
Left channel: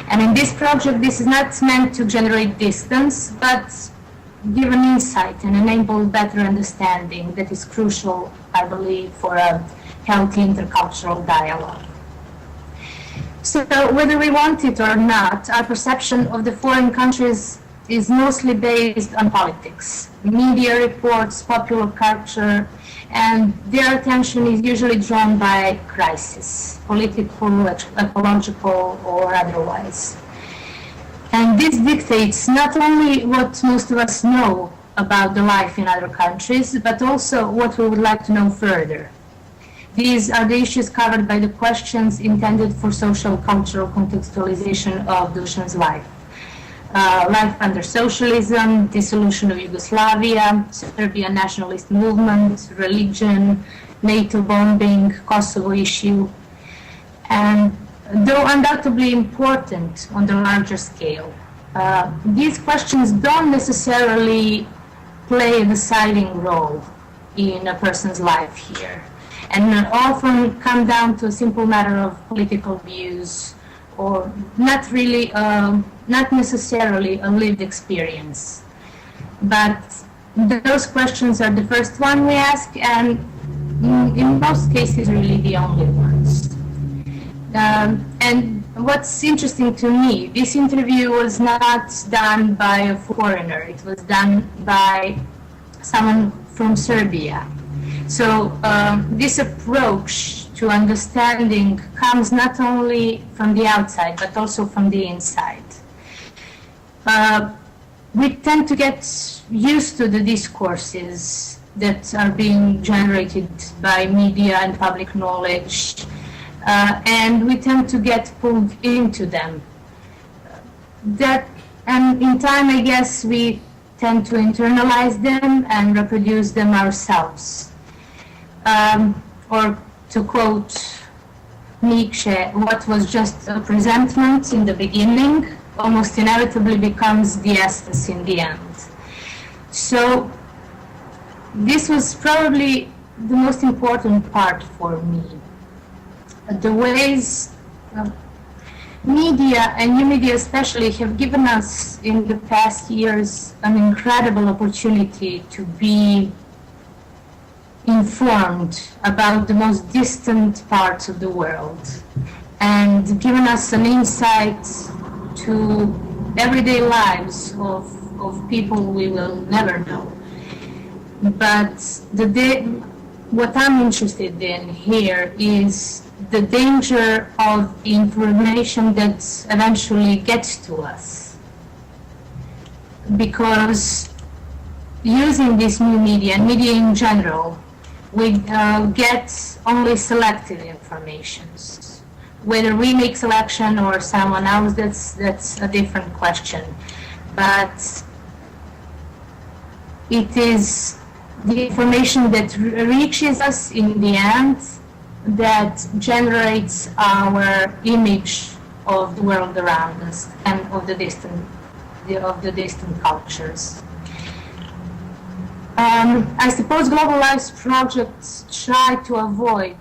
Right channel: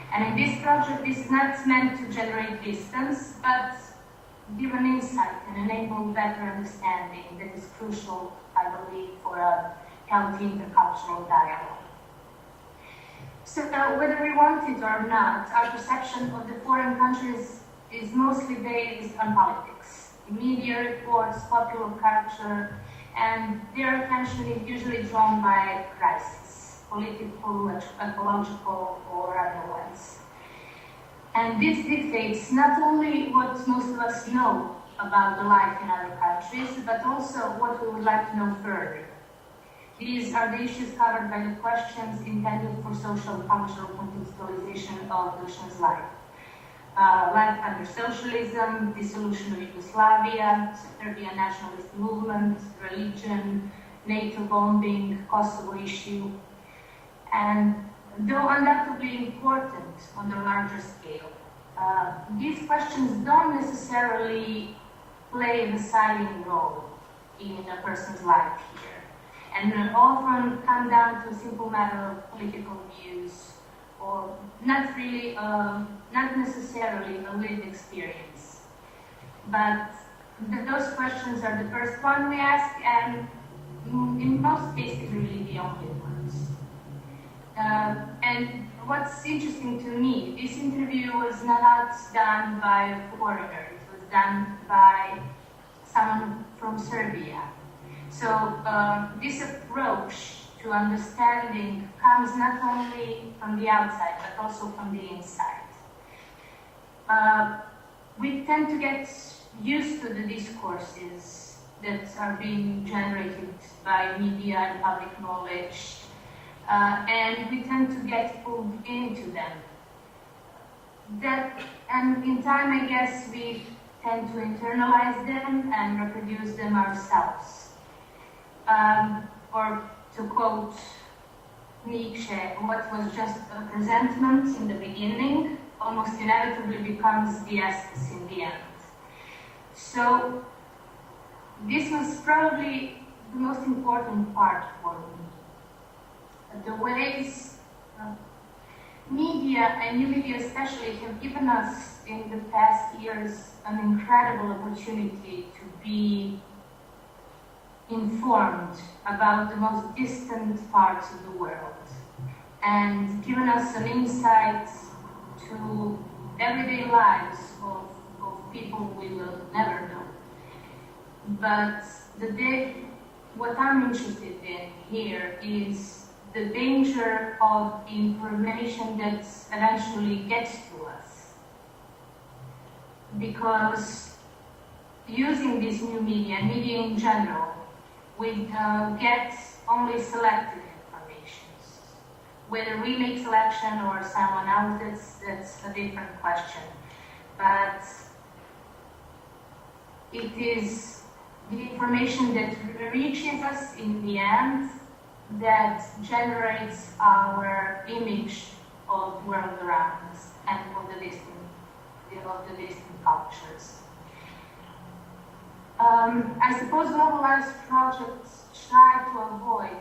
And in this project, this is not meant to generate distance, but give an insight and enable better understanding that is crucial, I believe, for a healthy intercultural dialogue. So whether we want it or not, our perception of the foreign countries is mostly based on politics, media reports, popular culture, and their attention is usually drawn by crisis, political, ecological, or otherwise. And this dictates not only what most of us know about the life in other countries, but also what we would like to know further. These are the issues covered by the questions intended for social cultural contextualization of Dušan's life. Life under socialism, dissolution of Yugoslavia, Serbian nationalist movement, religion, NATO bombing, Kosovo issue, and though undoubtedly important on the larger scale, these questions don't necessarily play a deciding role in a person's life here, and often come down to a simple matter of political views, or not necessarily a lived experience. But those questions are the first one we ask, and in most cases really the only ones. And what's interesting to me, this interview was not done by a foreigner, it was done by someone from Serbia. So this approach to understanding comes not only from the outside, but also from the inside. We tend to get used to the discourses that are being generated by media and public knowledge, and we tend to get pulled into them. And in time, I guess, we tend to internalize them and reproduce them ourselves. Or to quote Nietzsche, what was just a presentment in the beginning almost inevitably becomes the essence in the end. So this was probably the most important part for me. The ways media, and new media especially, have given us in the past years an incredible opportunity to be informed about the most distant parts of the world, and given us an insight to everyday lives of people we will never know. But what I'm interested in here is the danger of the information that eventually gets to us. Because using this new media, and media in general, we get only selective information. Whether we make selection or someone else, that's a different question. But it is the information that reaches us in the end that generates our image of the world around us and of the distant cultures. I suppose Global Lives projects try to avoid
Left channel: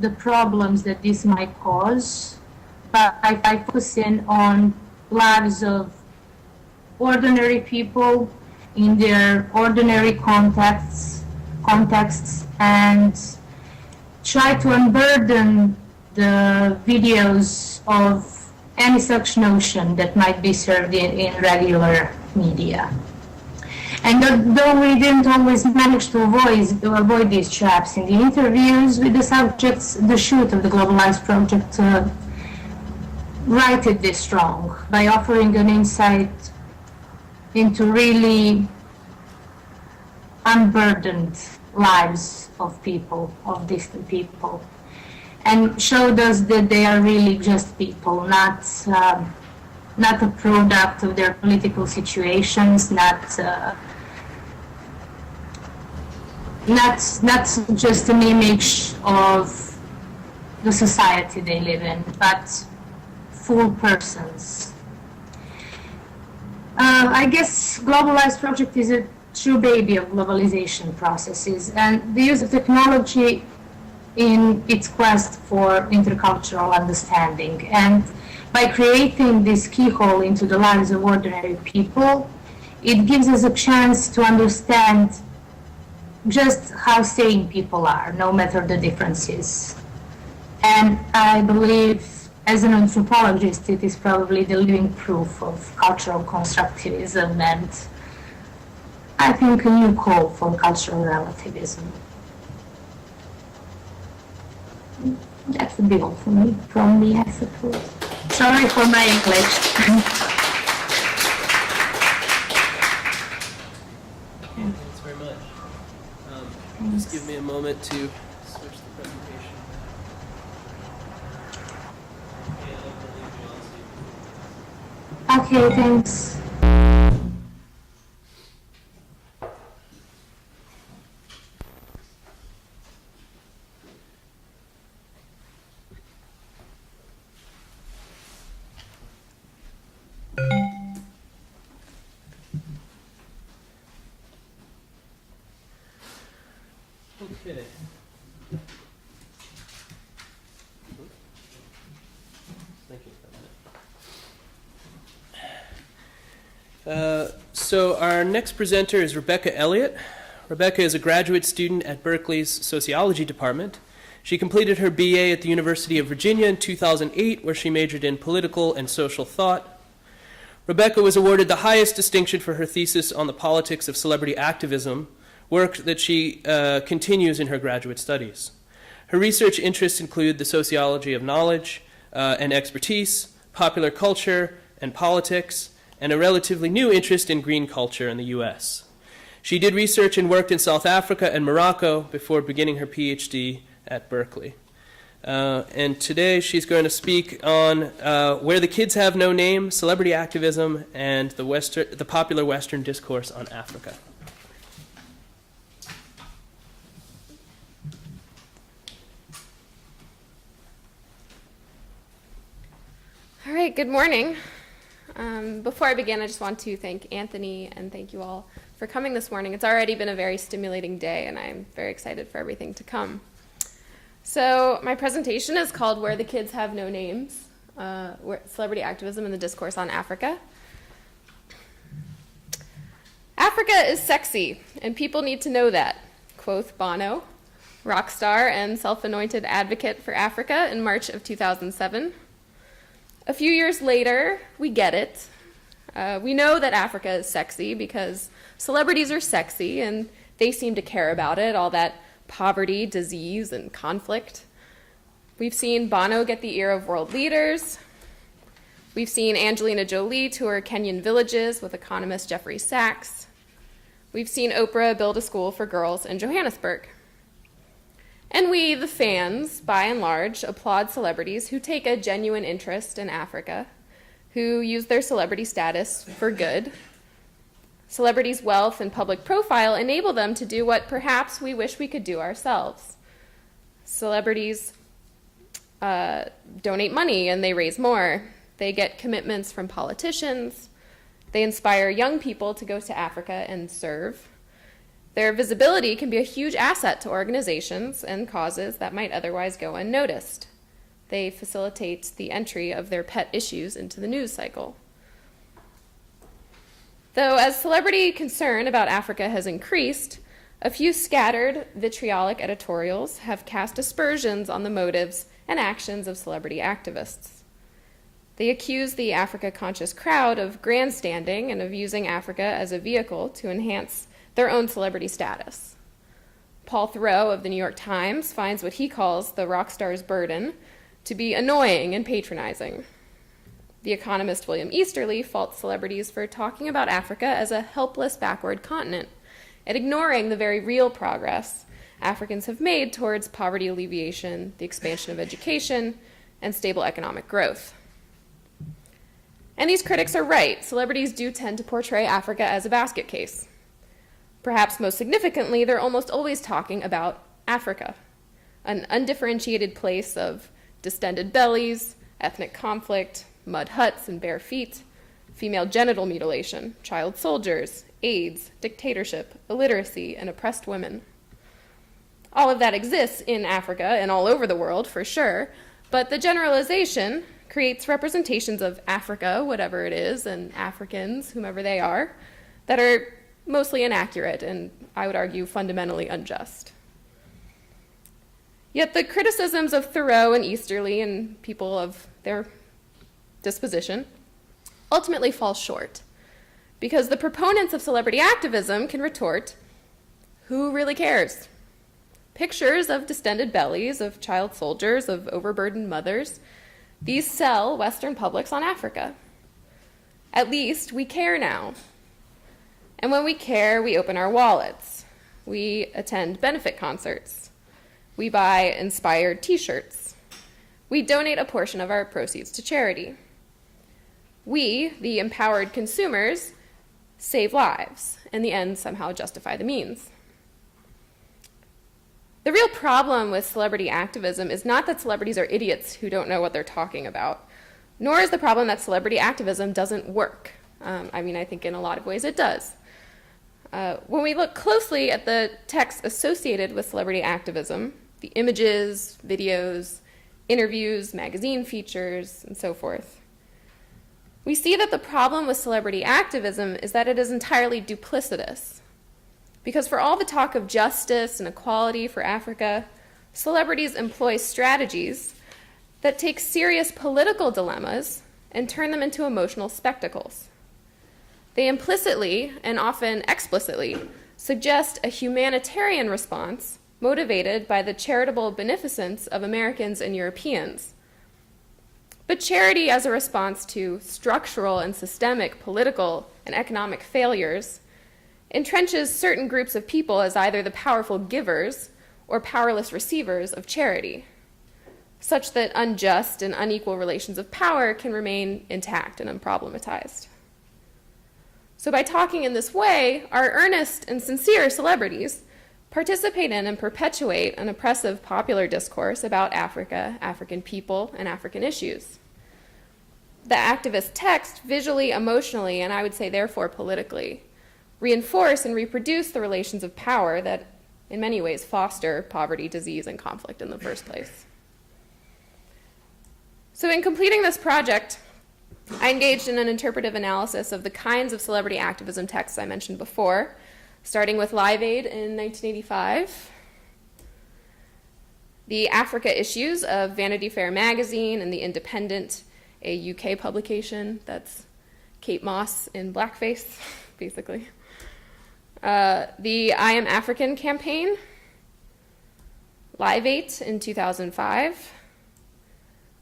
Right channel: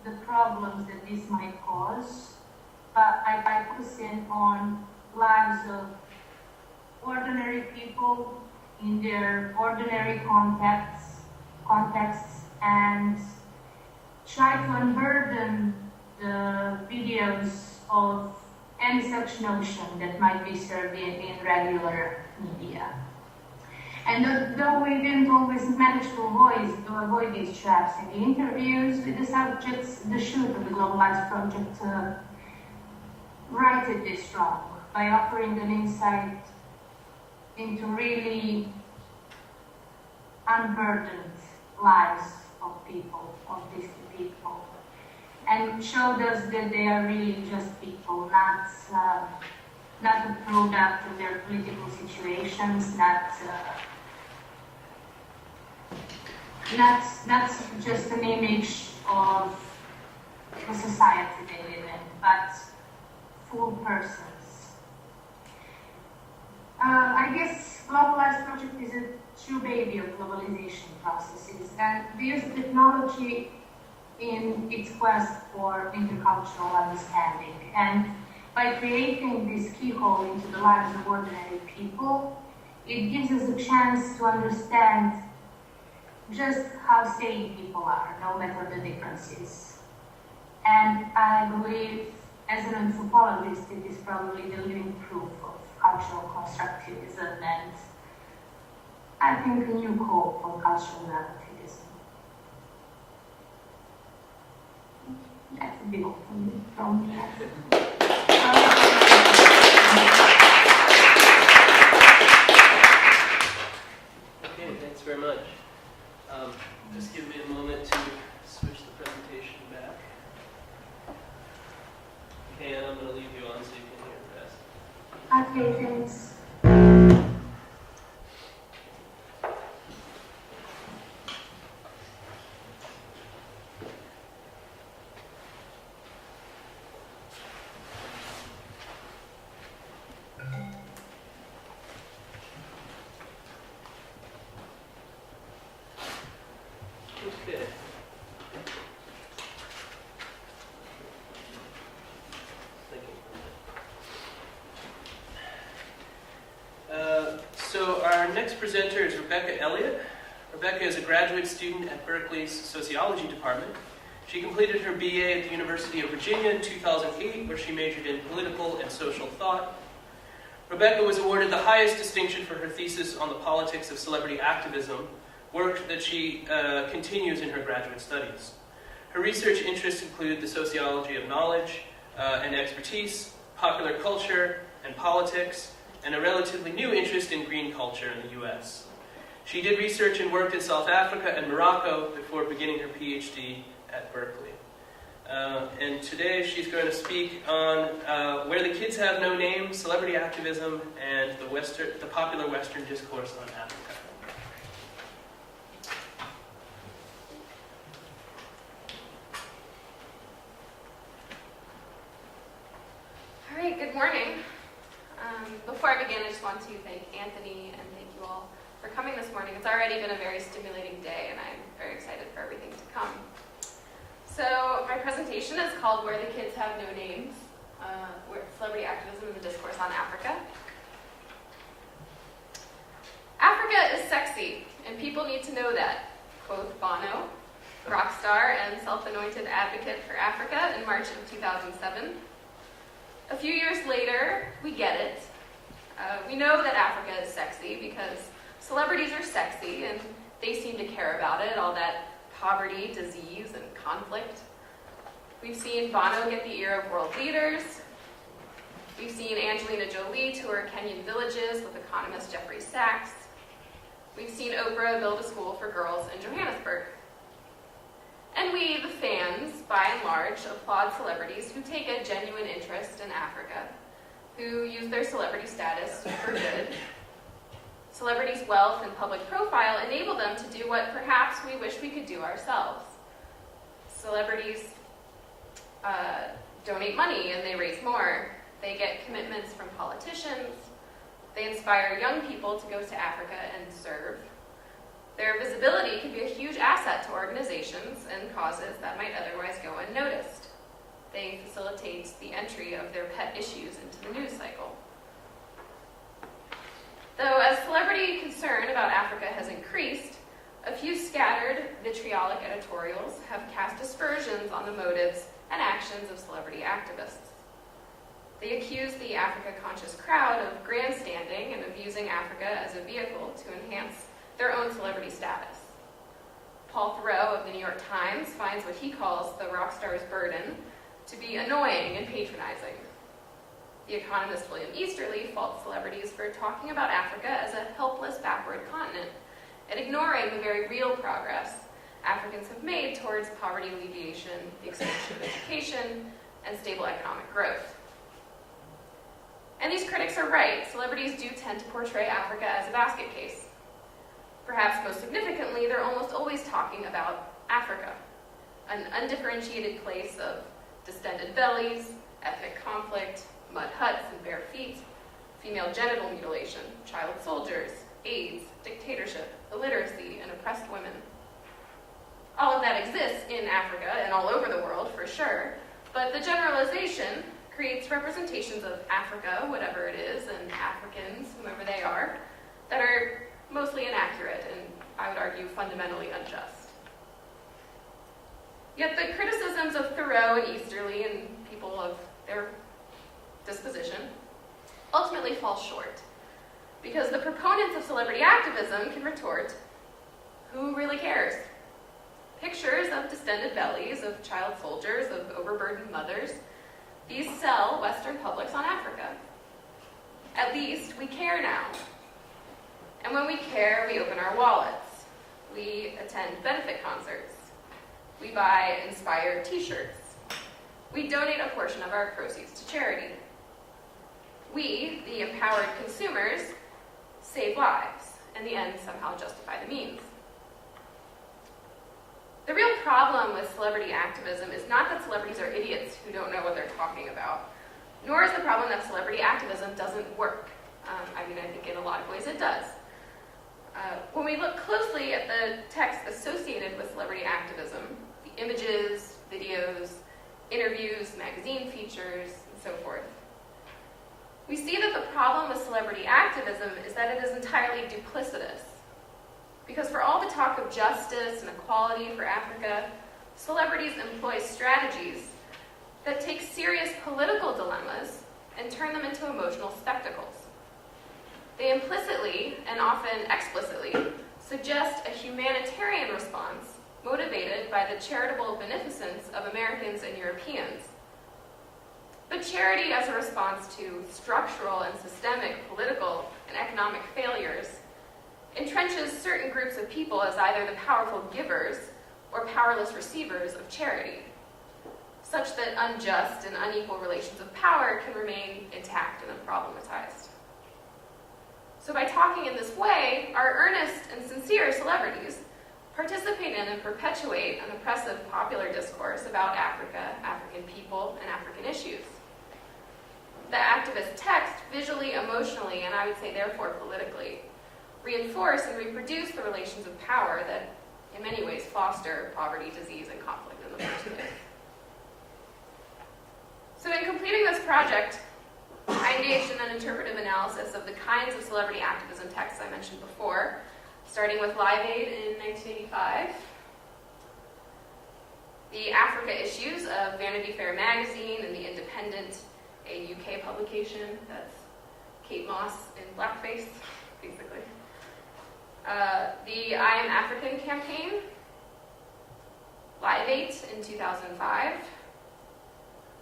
the problems that this might cause, but I focus in on lives of ordinary people in their ordinary contexts, and try to unburden the videos of any such notion that might be served in regular media. And though we didn't always manage to avoid these traps in the interviews with the subjects, the shoot of the Global Lives Project righted this wrong by offering an insight into really unburdened lives of people, of distant people, and showed us that they are really just people, not a product of their political situations, not just an image of the society they live in, but full persons. I guess Global Lives Project is a true baby of globalization processes and the use of technology in its quest for intercultural understanding. And by creating this keyhole into the lives of ordinary people, it gives us a chance to understand just how sane people are, no matter the differences. And I believe as an anthropologist, it is probably the living proof of cultural constructivism and I think a new call for cultural relativism. That would be all for me from the effort. Sorry for my English. Okay, thanks very much. Just give me a moment to switch the presentation back. And I'm going to leave you on stage. Okay, thanks. Okay. Thank you. So our next presenter is Rebecca Elliott. Rebecca is a graduate student at Berkeley's Sociology Department. She completed her BA at the University of Virginia in 2008, where she majored in political and social thought. Rebecca was awarded the highest distinction for her thesis on the politics of celebrity activism, work that she continues in her graduate studies. Her research interests include the sociology of knowledge and expertise, popular culture and politics, and a relatively new interest in green culture in the US. She did research and worked in South Africa and Morocco before beginning her PhD at Berkeley. And today she's going to speak on Where the Kids Have No Name, Celebrity Activism, and the popular Western discourse on Africa. All right, good morning. Before I begin, I just want to thank Anthony and thank you all for coming this morning. It's already been a very stimulating day, and I'm very excited for everything to come. So my presentation is called Where the Kids Have No Names, Celebrity Activism and the Discourse on Africa. Africa is sexy, and people need to know that, quoth Bono, rock star and self-anointed advocate for Africa in March of 2007. A few years later, we get it. We know that Africa is sexy because celebrities are sexy and they seem to care about it, all that poverty, disease, and conflict. We've seen Bono get the ear of world leaders. We've seen Angelina Jolie tour Kenyan villages with economist Jeffrey Sachs. We've seen Oprah build a school for girls in Johannesburg. And we, the fans, by and large, applaud celebrities who take a genuine interest in Africa, who use their celebrity status for good. Celebrities' wealth and public profile enable them to do what perhaps we wish we could do ourselves. Celebrities donate money and they raise more. They get commitments from politicians. They inspire young people to go to Africa and serve. Their visibility can be a huge asset to organizations and causes that might otherwise go unnoticed. They facilitate the entry of their pet issues into the news cycle. Though as celebrity concern about Africa has increased, a few scattered, vitriolic editorials have cast aspersions on the motives and actions of celebrity activists. They accuse the Africa-conscious crowd of grandstanding and of using Africa as a vehicle to enhance their own celebrity status. Paul Theroux of the New York Times finds what he calls the rock star's burden to be annoying and patronizing. The economist William Easterly faults celebrities for talking about Africa as a helpless backward continent and ignoring the very real progress Africans have made towards poverty alleviation, the expansion of education, and stable economic growth. And these critics are right. Celebrities do tend to portray Africa as a basket case. Perhaps most significantly, they're almost always talking about Africa, an undifferentiated place of distended bellies, ethnic conflict, mud huts and bare feet, female genital mutilation, child soldiers, AIDS, dictatorship, illiteracy, and oppressed women. All of that exists in Africa and all over the world, for sure, but the generalization creates representations of Africa, whatever it is, and Africans, whomever they are, that are mostly inaccurate and, I would argue, fundamentally unjust. Yet the criticisms of Thoreau and Easterly and people of their disposition ultimately fall short, because the proponents of celebrity activism can retort, who really cares? Pictures of distended bellies, of child soldiers, of overburdened mothers, these sell Western publics on Africa. At least we care now. And when we care, we open our wallets. We attend benefit concerts. We buy inspired t-shirts. We donate a portion of our proceeds to charity. We, the empowered consumers, save lives, and the ends somehow justify the means. The real problem with celebrity activism is not that celebrities are idiots who don't know what they're talking about, nor is the problem that celebrity activism doesn't work. I think in a lot of ways it does. When we look closely at the text associated with celebrity activism, the images, videos, interviews, magazine features, and so forth, we see that the problem with celebrity activism is that it is entirely duplicitous. Because for all the talk of justice and equality for Africa, celebrities employ strategies that take serious political dilemmas and turn them into emotional spectacles. They implicitly, and often explicitly, suggest a humanitarian response motivated by the charitable beneficence of Americans and Europeans. But charity as a response to structural and systemic political and economic failures entrenches certain groups of people as either the powerful givers or powerless receivers of charity, such that unjust and unequal relations of power can remain intact and unproblematized. So by talking in this way, our earnest and sincere celebrities participate in and perpetuate an oppressive popular discourse about Africa, African people, and African issues. The activist text visually, emotionally, and I would say therefore politically, reinforce and reproduce the relations of power that in many ways foster poverty, disease, and conflict in the first place. So in completing this project, I engaged in an interpretive analysis of the kinds of celebrity activism texts I mentioned before, starting with Live Aid in 1985, the Africa issues of Vanity Fair magazine and The Independent, a UK publication that's Kate Moss in blackface, basically. The I Am African campaign, Live Aid in 2005,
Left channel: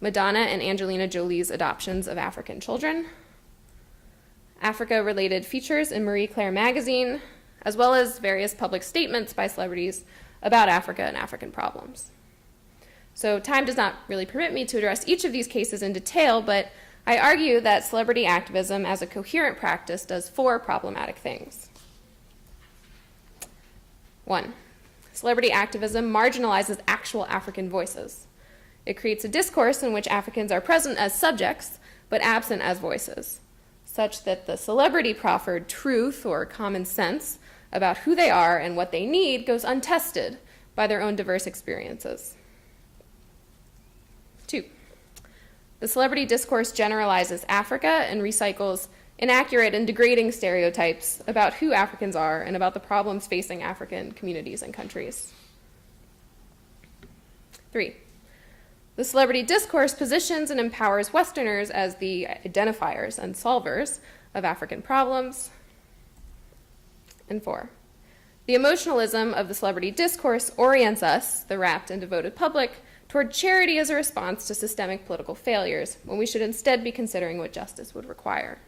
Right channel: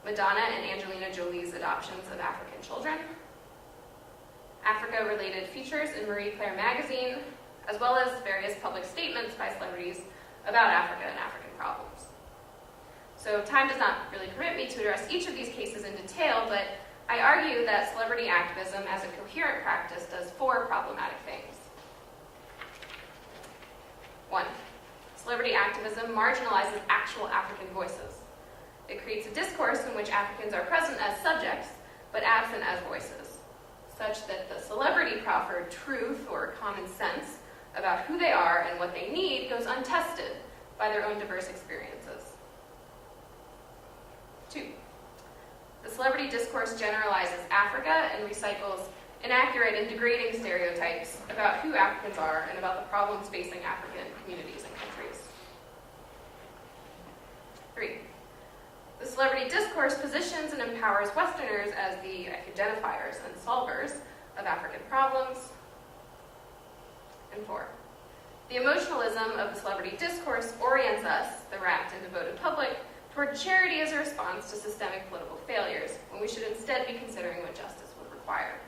Madonna and Angelina Jolie's adoptions of African children, Africa-related features in Marie Claire magazine, as well as various public statements by celebrities about Africa and African problems. So time does not really permit me to address each of these cases in detail, but I argue that celebrity activism as a coherent practice does four problematic things. 1. Celebrity activism marginalizes actual African voices. It creates a discourse in which Africans are present as subjects, but absent as voices, such that the celebrity-proffered truth or common sense about who they are and what they need goes untested by their own diverse experiences. 2. The celebrity discourse generalizes Africa and recycles inaccurate and degrading stereotypes about who Africans are and about the problems facing African communities and countries. 3. The celebrity discourse positions and empowers Westerners as the identifiers and solvers of African problems. And 4. The emotionalism of the celebrity discourse orients us, the rapt and devoted public, toward charity as a response to systemic political failures, when we should instead be considering what justice would require.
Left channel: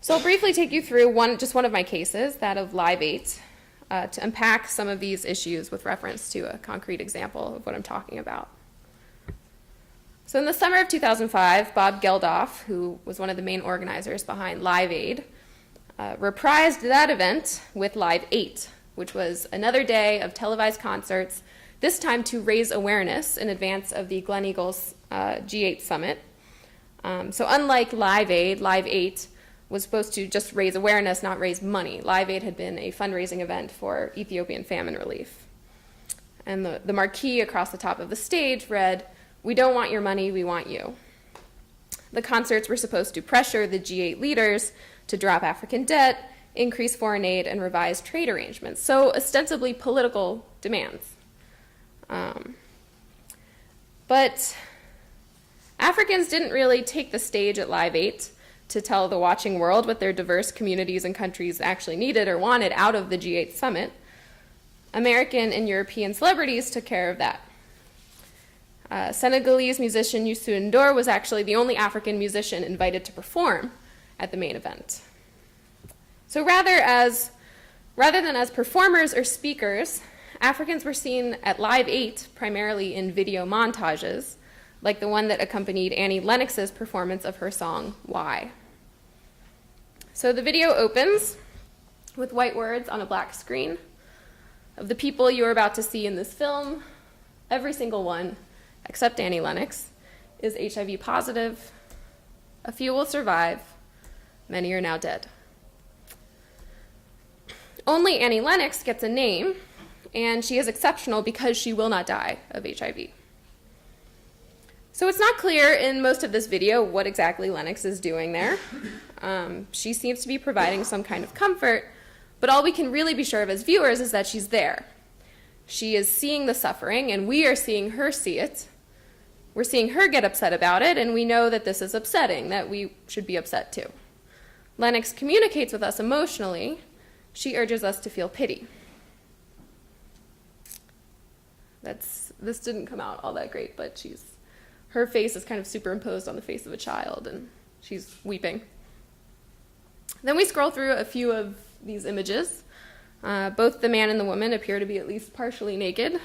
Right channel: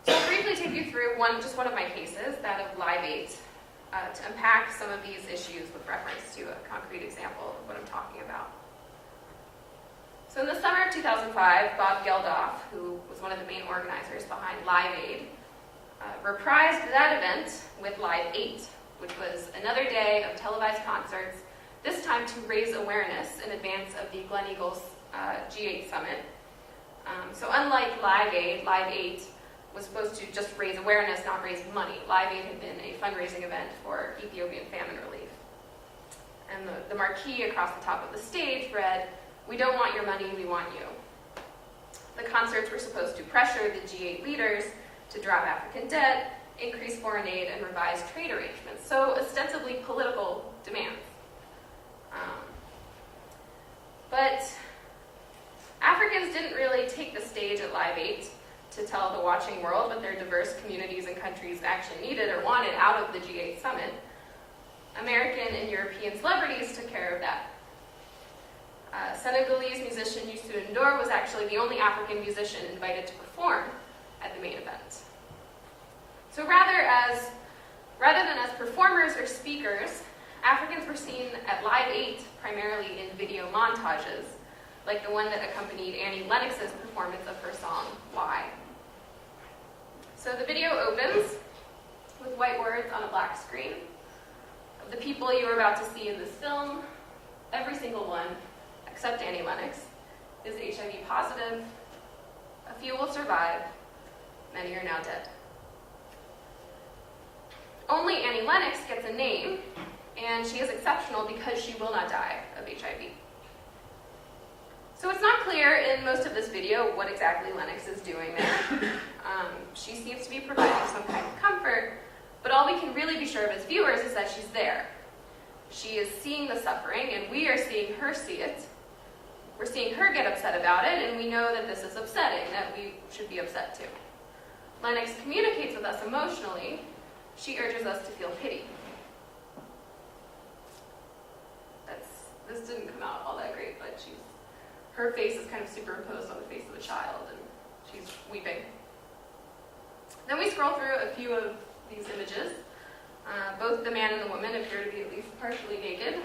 So I'll briefly take you through just one of my cases, that of Live Aid, to unpack some of these issues with reference to a concrete example of what I'm talking about. So in the summer of 2005, Bob Geldof, who was one of the main organizers behind Live Aid, reprised that event with Live 8, which was another day of televised concerts, this time to raise awareness in advance of the Glen Eagles G8 summit. So unlike Live 8 was supposed to just raise awareness, not raise money. Live Aid had been a fundraising event for Ethiopian famine relief. And the marquee across the top of the stage read, "We don't want your money, we want you." The concerts were supposed to pressure the G8 leaders to drop African debt, increase foreign aid, and revise trade arrangements. So ostensibly political demands. But Africans didn't really take the stage at Live 8 to tell the watching world what their diverse communities and countries actually needed or wanted out of the G8 summit. American and European celebrities took care of that. Senegalese musician Youssou N'Dour was actually the only African musician invited to perform at the main event. So rather than as performers or speakers, Africans were seen at Live 8 primarily in video montages, like the one that accompanied Annie Lennox's performance of her song, Why. So the video opens with white words on a black screen. Of the people you are about to see in this film, every single one, except Annie Lennox, is HIV positive. A few will survive. Many are now dead. Only Annie Lennox gets a name, and she is exceptional because she will not die of HIV. So it's not clear in most of this video what exactly Lennox is doing there. She seems to be providing some kind of comfort, but all we can really be sure of as viewers is that she's there. She is seeing the suffering, and we are seeing her see it. We're seeing her get upset about it, and we know that this is upsetting, that we should be upset too. Lennox communicates with us emotionally. She urges us to feel pity. This didn't come out all that great, but her face is kind of superimposed on the face of a child, and she's weeping. Then we scroll through a few of these images. Both the man and the woman appear to be at least partially naked.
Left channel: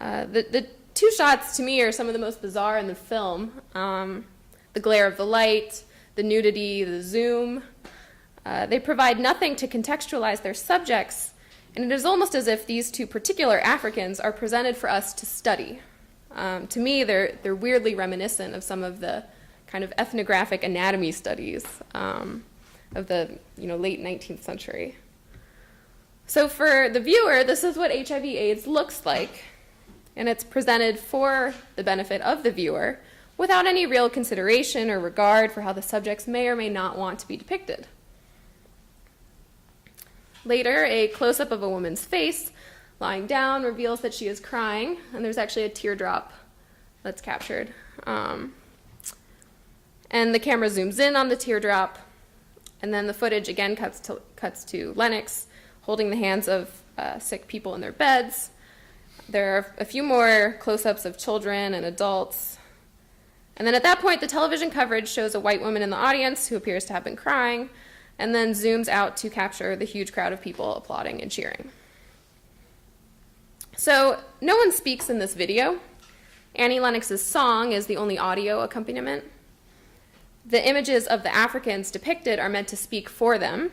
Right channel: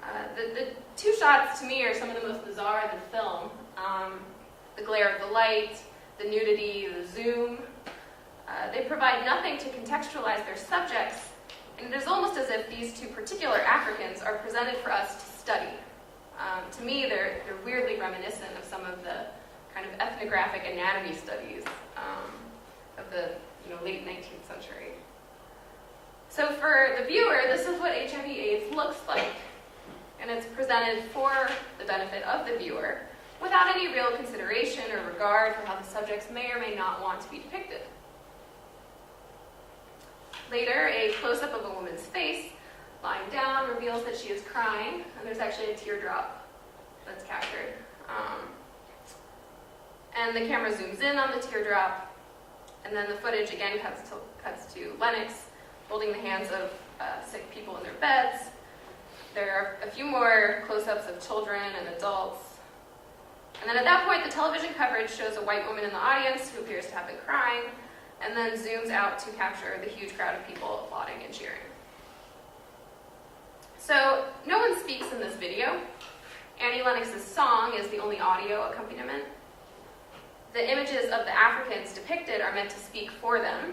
The two shots, to me, are some of the most bizarre in the film. The glare of the light, the nudity, the zoom. They provide nothing to contextualize their subjects, and it is almost as if these two particular Africans are presented for us to study. To me, they're weirdly reminiscent of some of the kind of ethnographic anatomy studies of the late 19th century. So for the viewer, this is what HIV/AIDS looks like, and it's presented for the benefit of the viewer without any real consideration or regard for how the subjects may or may not want to be depicted. Later, a close-up of a woman's face lying down reveals that she is crying, and there's actually a teardrop that's captured. And the camera zooms in on the teardrop, and then the footage again cuts to Lennox holding the hands of sick people in their beds. There are a few more close-ups of children and adults. And then at that point, the television coverage shows a white woman in the audience who appears to have been crying, and then zooms out to capture the huge crowd of people applauding and cheering. So no one speaks in this video. Annie Lennox's song is the only audio accompaniment. The images of the Africans depicted are meant to speak for them.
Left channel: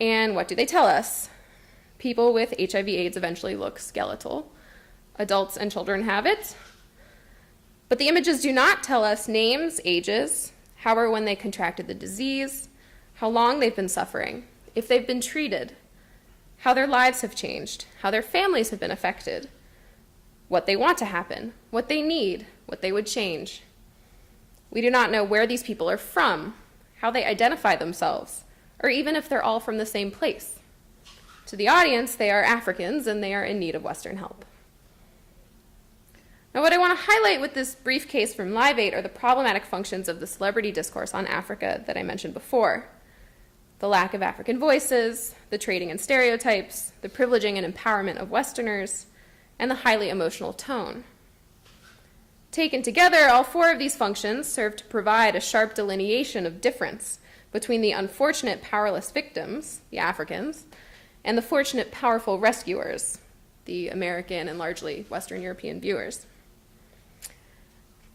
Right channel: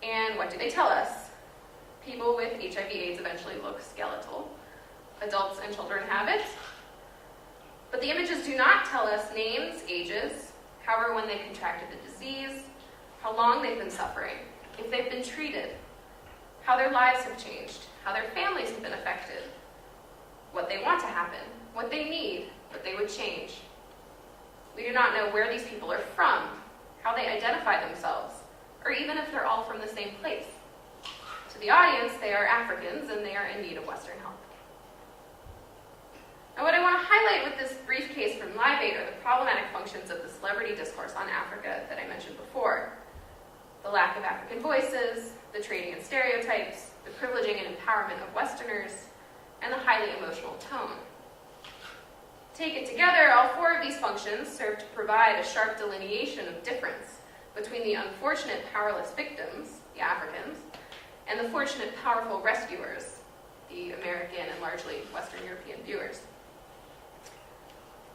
And what do they tell us? People with HIV/AIDS eventually look skeletal. Adults and children have it. But the images do not tell us names, ages, how or when they contracted the disease, how long they've been suffering, if they've been treated, how their lives have changed, how their families have been affected, what they want to happen, what they need, what they would change. We do not know where these people are from, how they identify themselves, or even if they're all from the same place. To the audience, they are Africans and they are in need of Western help. Now, what I want to highlight with this brief case from Live 8 are the problematic functions of the celebrity discourse on Africa that I mentioned before. The lack of African voices, the trading in stereotypes, the privileging and empowerment of Westerners, and the highly emotional tone. Taken together, all four of these functions serve to provide a sharp delineation of difference between the unfortunate powerless victims, the Africans, and the fortunate powerful rescuers, the American and largely Western European viewers.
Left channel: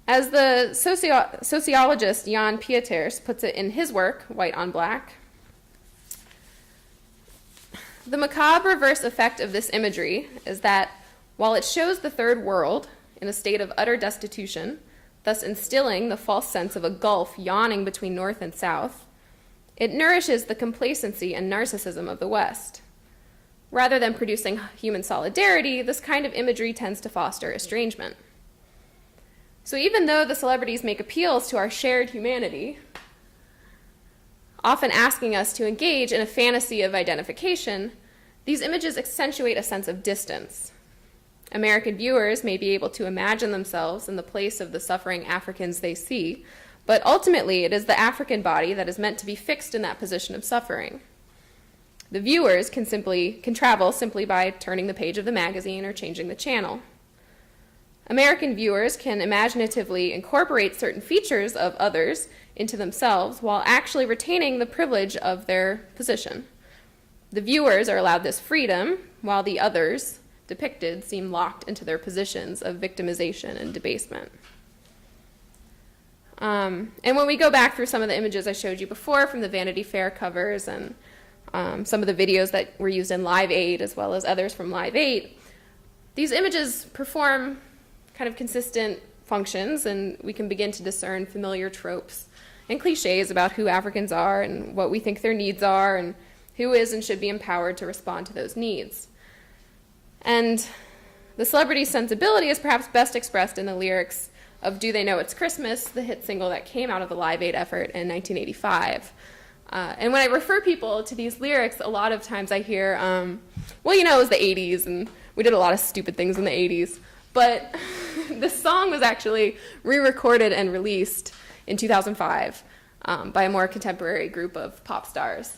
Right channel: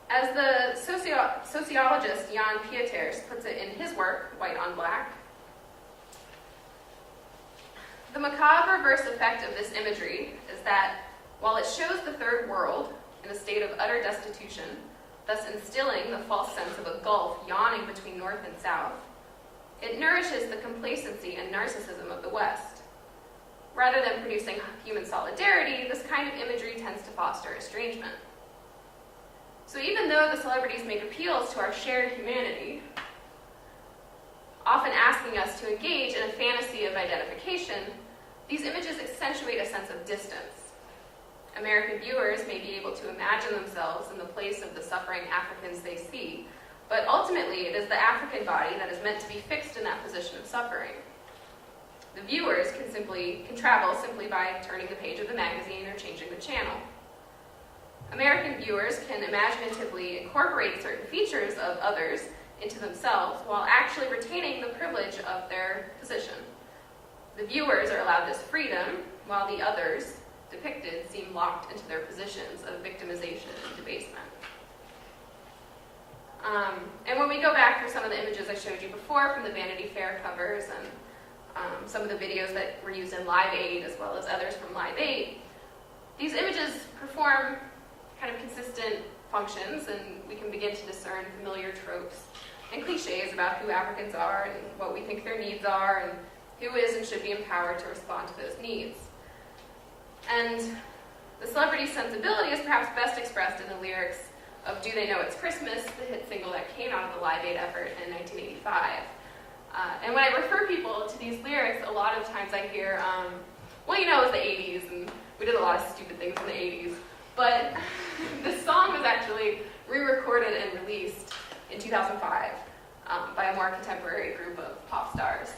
As the sociologist Jan Pieters puts it in his work, White on Black, the macabre reverse effect of this imagery is that while it shows the third world in a state of utter destitution, thus instilling the false sense of a gulf yawning between North and South, it nourishes the complacency and narcissism of the West. Rather than producing human solidarity, this kind of imagery tends to foster estrangement. So even though the celebrities make appeals to our shared humanity, often asking us to engage in a fantasy of identification, these images accentuate a sense of distance. American viewers may be able to imagine themselves in the place of the suffering Africans they see, but ultimately it is the African body that is meant to be fixed in that position of suffering. The viewers can travel simply by turning the page of the magazine or changing the channel. American viewers can imaginatively incorporate certain features of others into themselves while actually retaining the privilege of their position. The viewers are allowed this freedom, while the others depicted seem locked into their positions of victimization and debasement. And when we go back through some of the images I showed you before from the Vanity Fair covers and some of the videos that were used in Live Aid as well as others from Live 8, these images perform kind of consistent functions, and we can begin to discern familiar tropes and cliches about who Africans are and what we think their needs are and who is and should be empowered to respond to those needs. And the celebrity sensibility is perhaps best expressed in the lyrics of Do They Know It's Christmas, the hit single that came out of the Live Aid effort in 1985. And when I refer people to these lyrics, a lot of times I hear, well, you know, it was the 80s, and we did a lot of stupid things in the 80s. But this song was actually re-recorded and released in 2005 by a more contemporary group of pop stars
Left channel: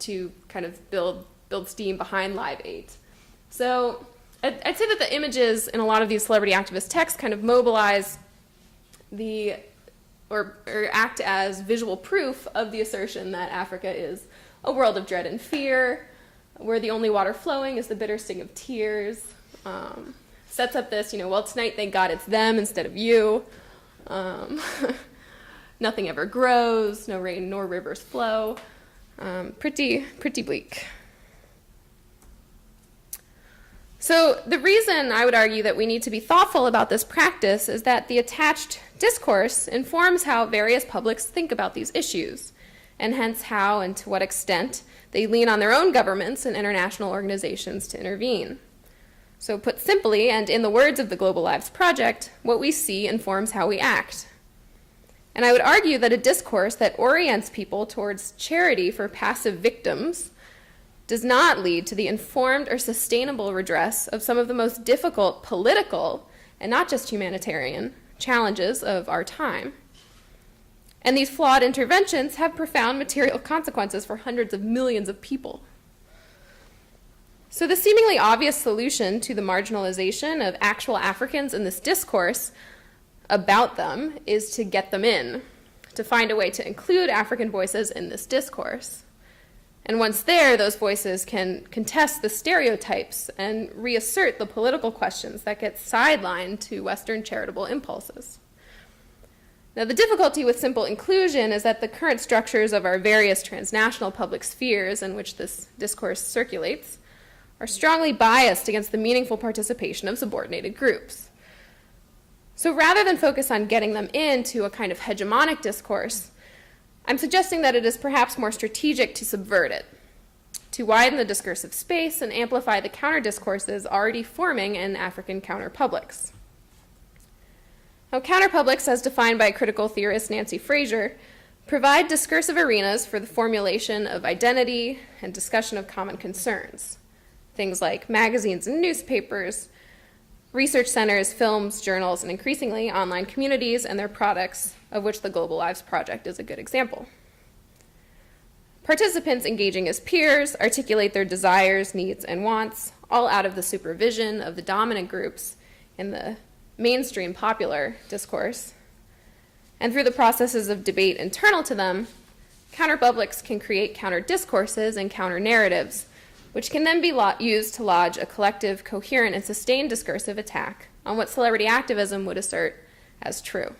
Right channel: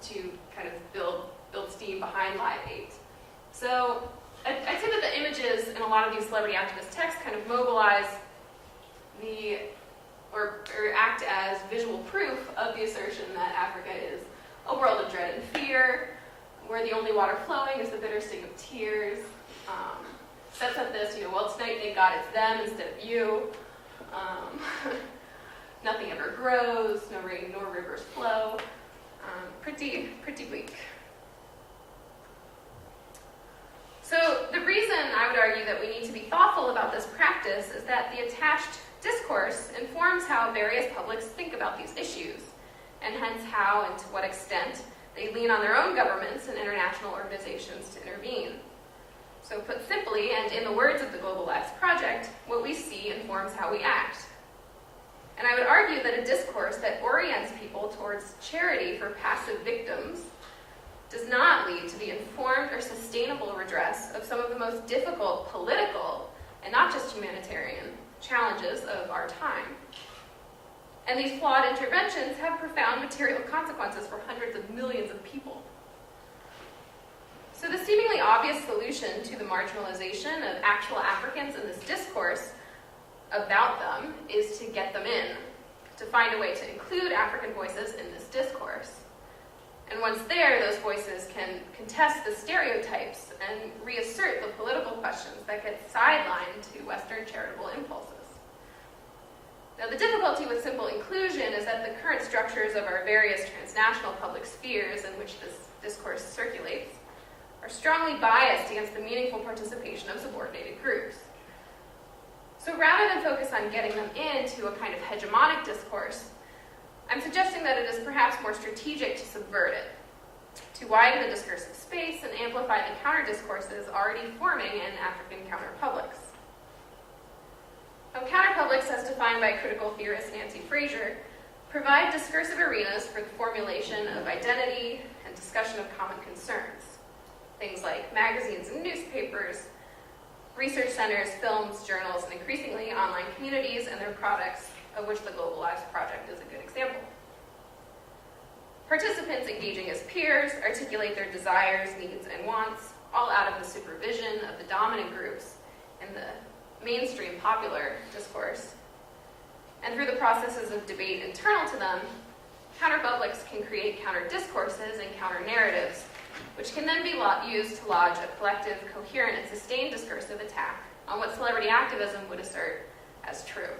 to kind of build steam behind Live 8. So I'd say that the images in a lot of these celebrity activist texts kind of mobilize or act as visual proof of the assertion that Africa is a world of dread and fear, where the only water flowing is the bitter sting of tears. Sets up this, well, tonight, thank God it's them instead of you. Nothing ever grows, no rain nor rivers flow. Pretty bleak. So the reason I would argue that we need to be thoughtful about this practice is that the attached discourse informs how various publics think about these issues, and hence how and to what extent they lean on their own governments and international organizations to intervene. So put simply, and in the words of the Global Lives Project, what we see informs how we act. And I would argue that a discourse that orients people towards charity for passive victims does not lead to the informed or sustainable redress of some of the most difficult political, and not just humanitarian, challenges of our time. And these flawed interventions have profound material consequences for hundreds of millions of people. So the seemingly obvious solution to the marginalization of actual Africans in this discourse about them is to get them in, to find a way to include African voices in this discourse. And once there, those voices can contest the stereotypes and reassert the political questions that get sidelined to Western charitable impulses. Now, the difficulty with simple inclusion is that the current structures of our various transnational public spheres in which this discourse circulates are strongly biased against the meaningful participation of subordinated groups. So rather than focus on getting them into a kind of hegemonic discourse, I'm suggesting that it is perhaps more strategic to subvert it, to widen the discursive space and amplify the counter-discourses already forming in African counterpublics. Now, counterpublics, as defined by critical theorist Nancy Fraser, provide discursive arenas for the formulation of identity and discussion of common concerns. Things like magazines and newspapers, research centers, films, journals, and increasingly online communities and their products, of which the Global Lives Project is a good example. Participants engaging as peers articulate their desires, needs, and wants, all out of the supervision of the dominant groups in the mainstream popular discourse. And through the processes of debate internal to them, counterpublics can create counter-discourses and counter-narratives, which can then be used to lodge a collective, coherent, and sustained discursive attack on what celebrity activism would assert as true.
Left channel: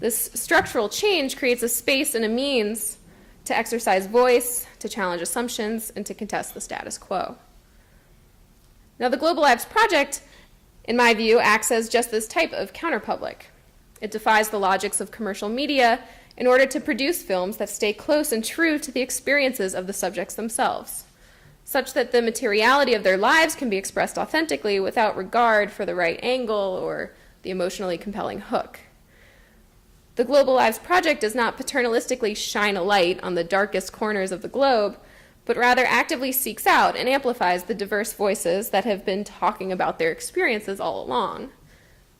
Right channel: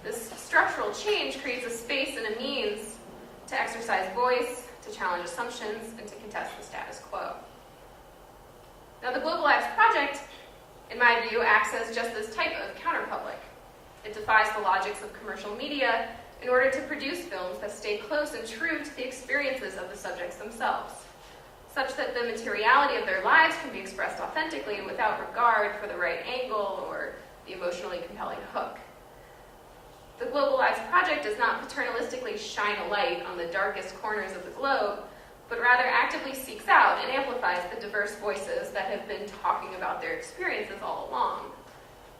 This structural change creates a space and a means to exercise voice, to challenge assumptions, and to contest the status quo. Now, the Global Lives Project, in my view, acts as just this type of counterpublic. It defies the logics of commercial media in order to produce films that stay close and true to the experiences of the subjects themselves, such that the materiality of their lives can be expressed authentically without regard for the right angle or the emotionally compelling hook. The Global Lives Project does not paternalistically shine a light on the darkest corners of the globe, but rather actively seeks out and amplifies the diverse voices that have been talking about their experiences all along,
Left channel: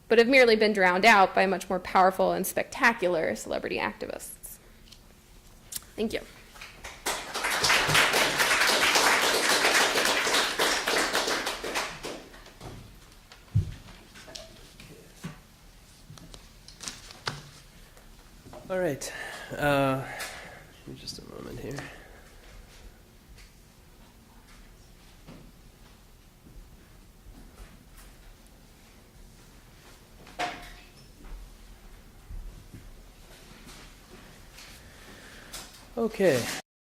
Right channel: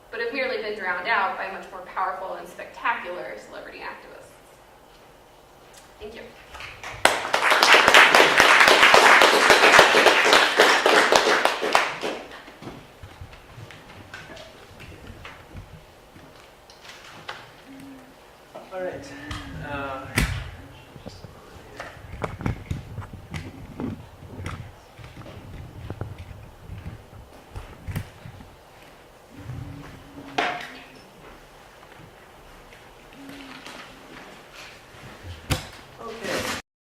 but have merely been drowned out by much more powerful and spectacular celebrity activists. Thank you. All right. Just a moment here. Okay.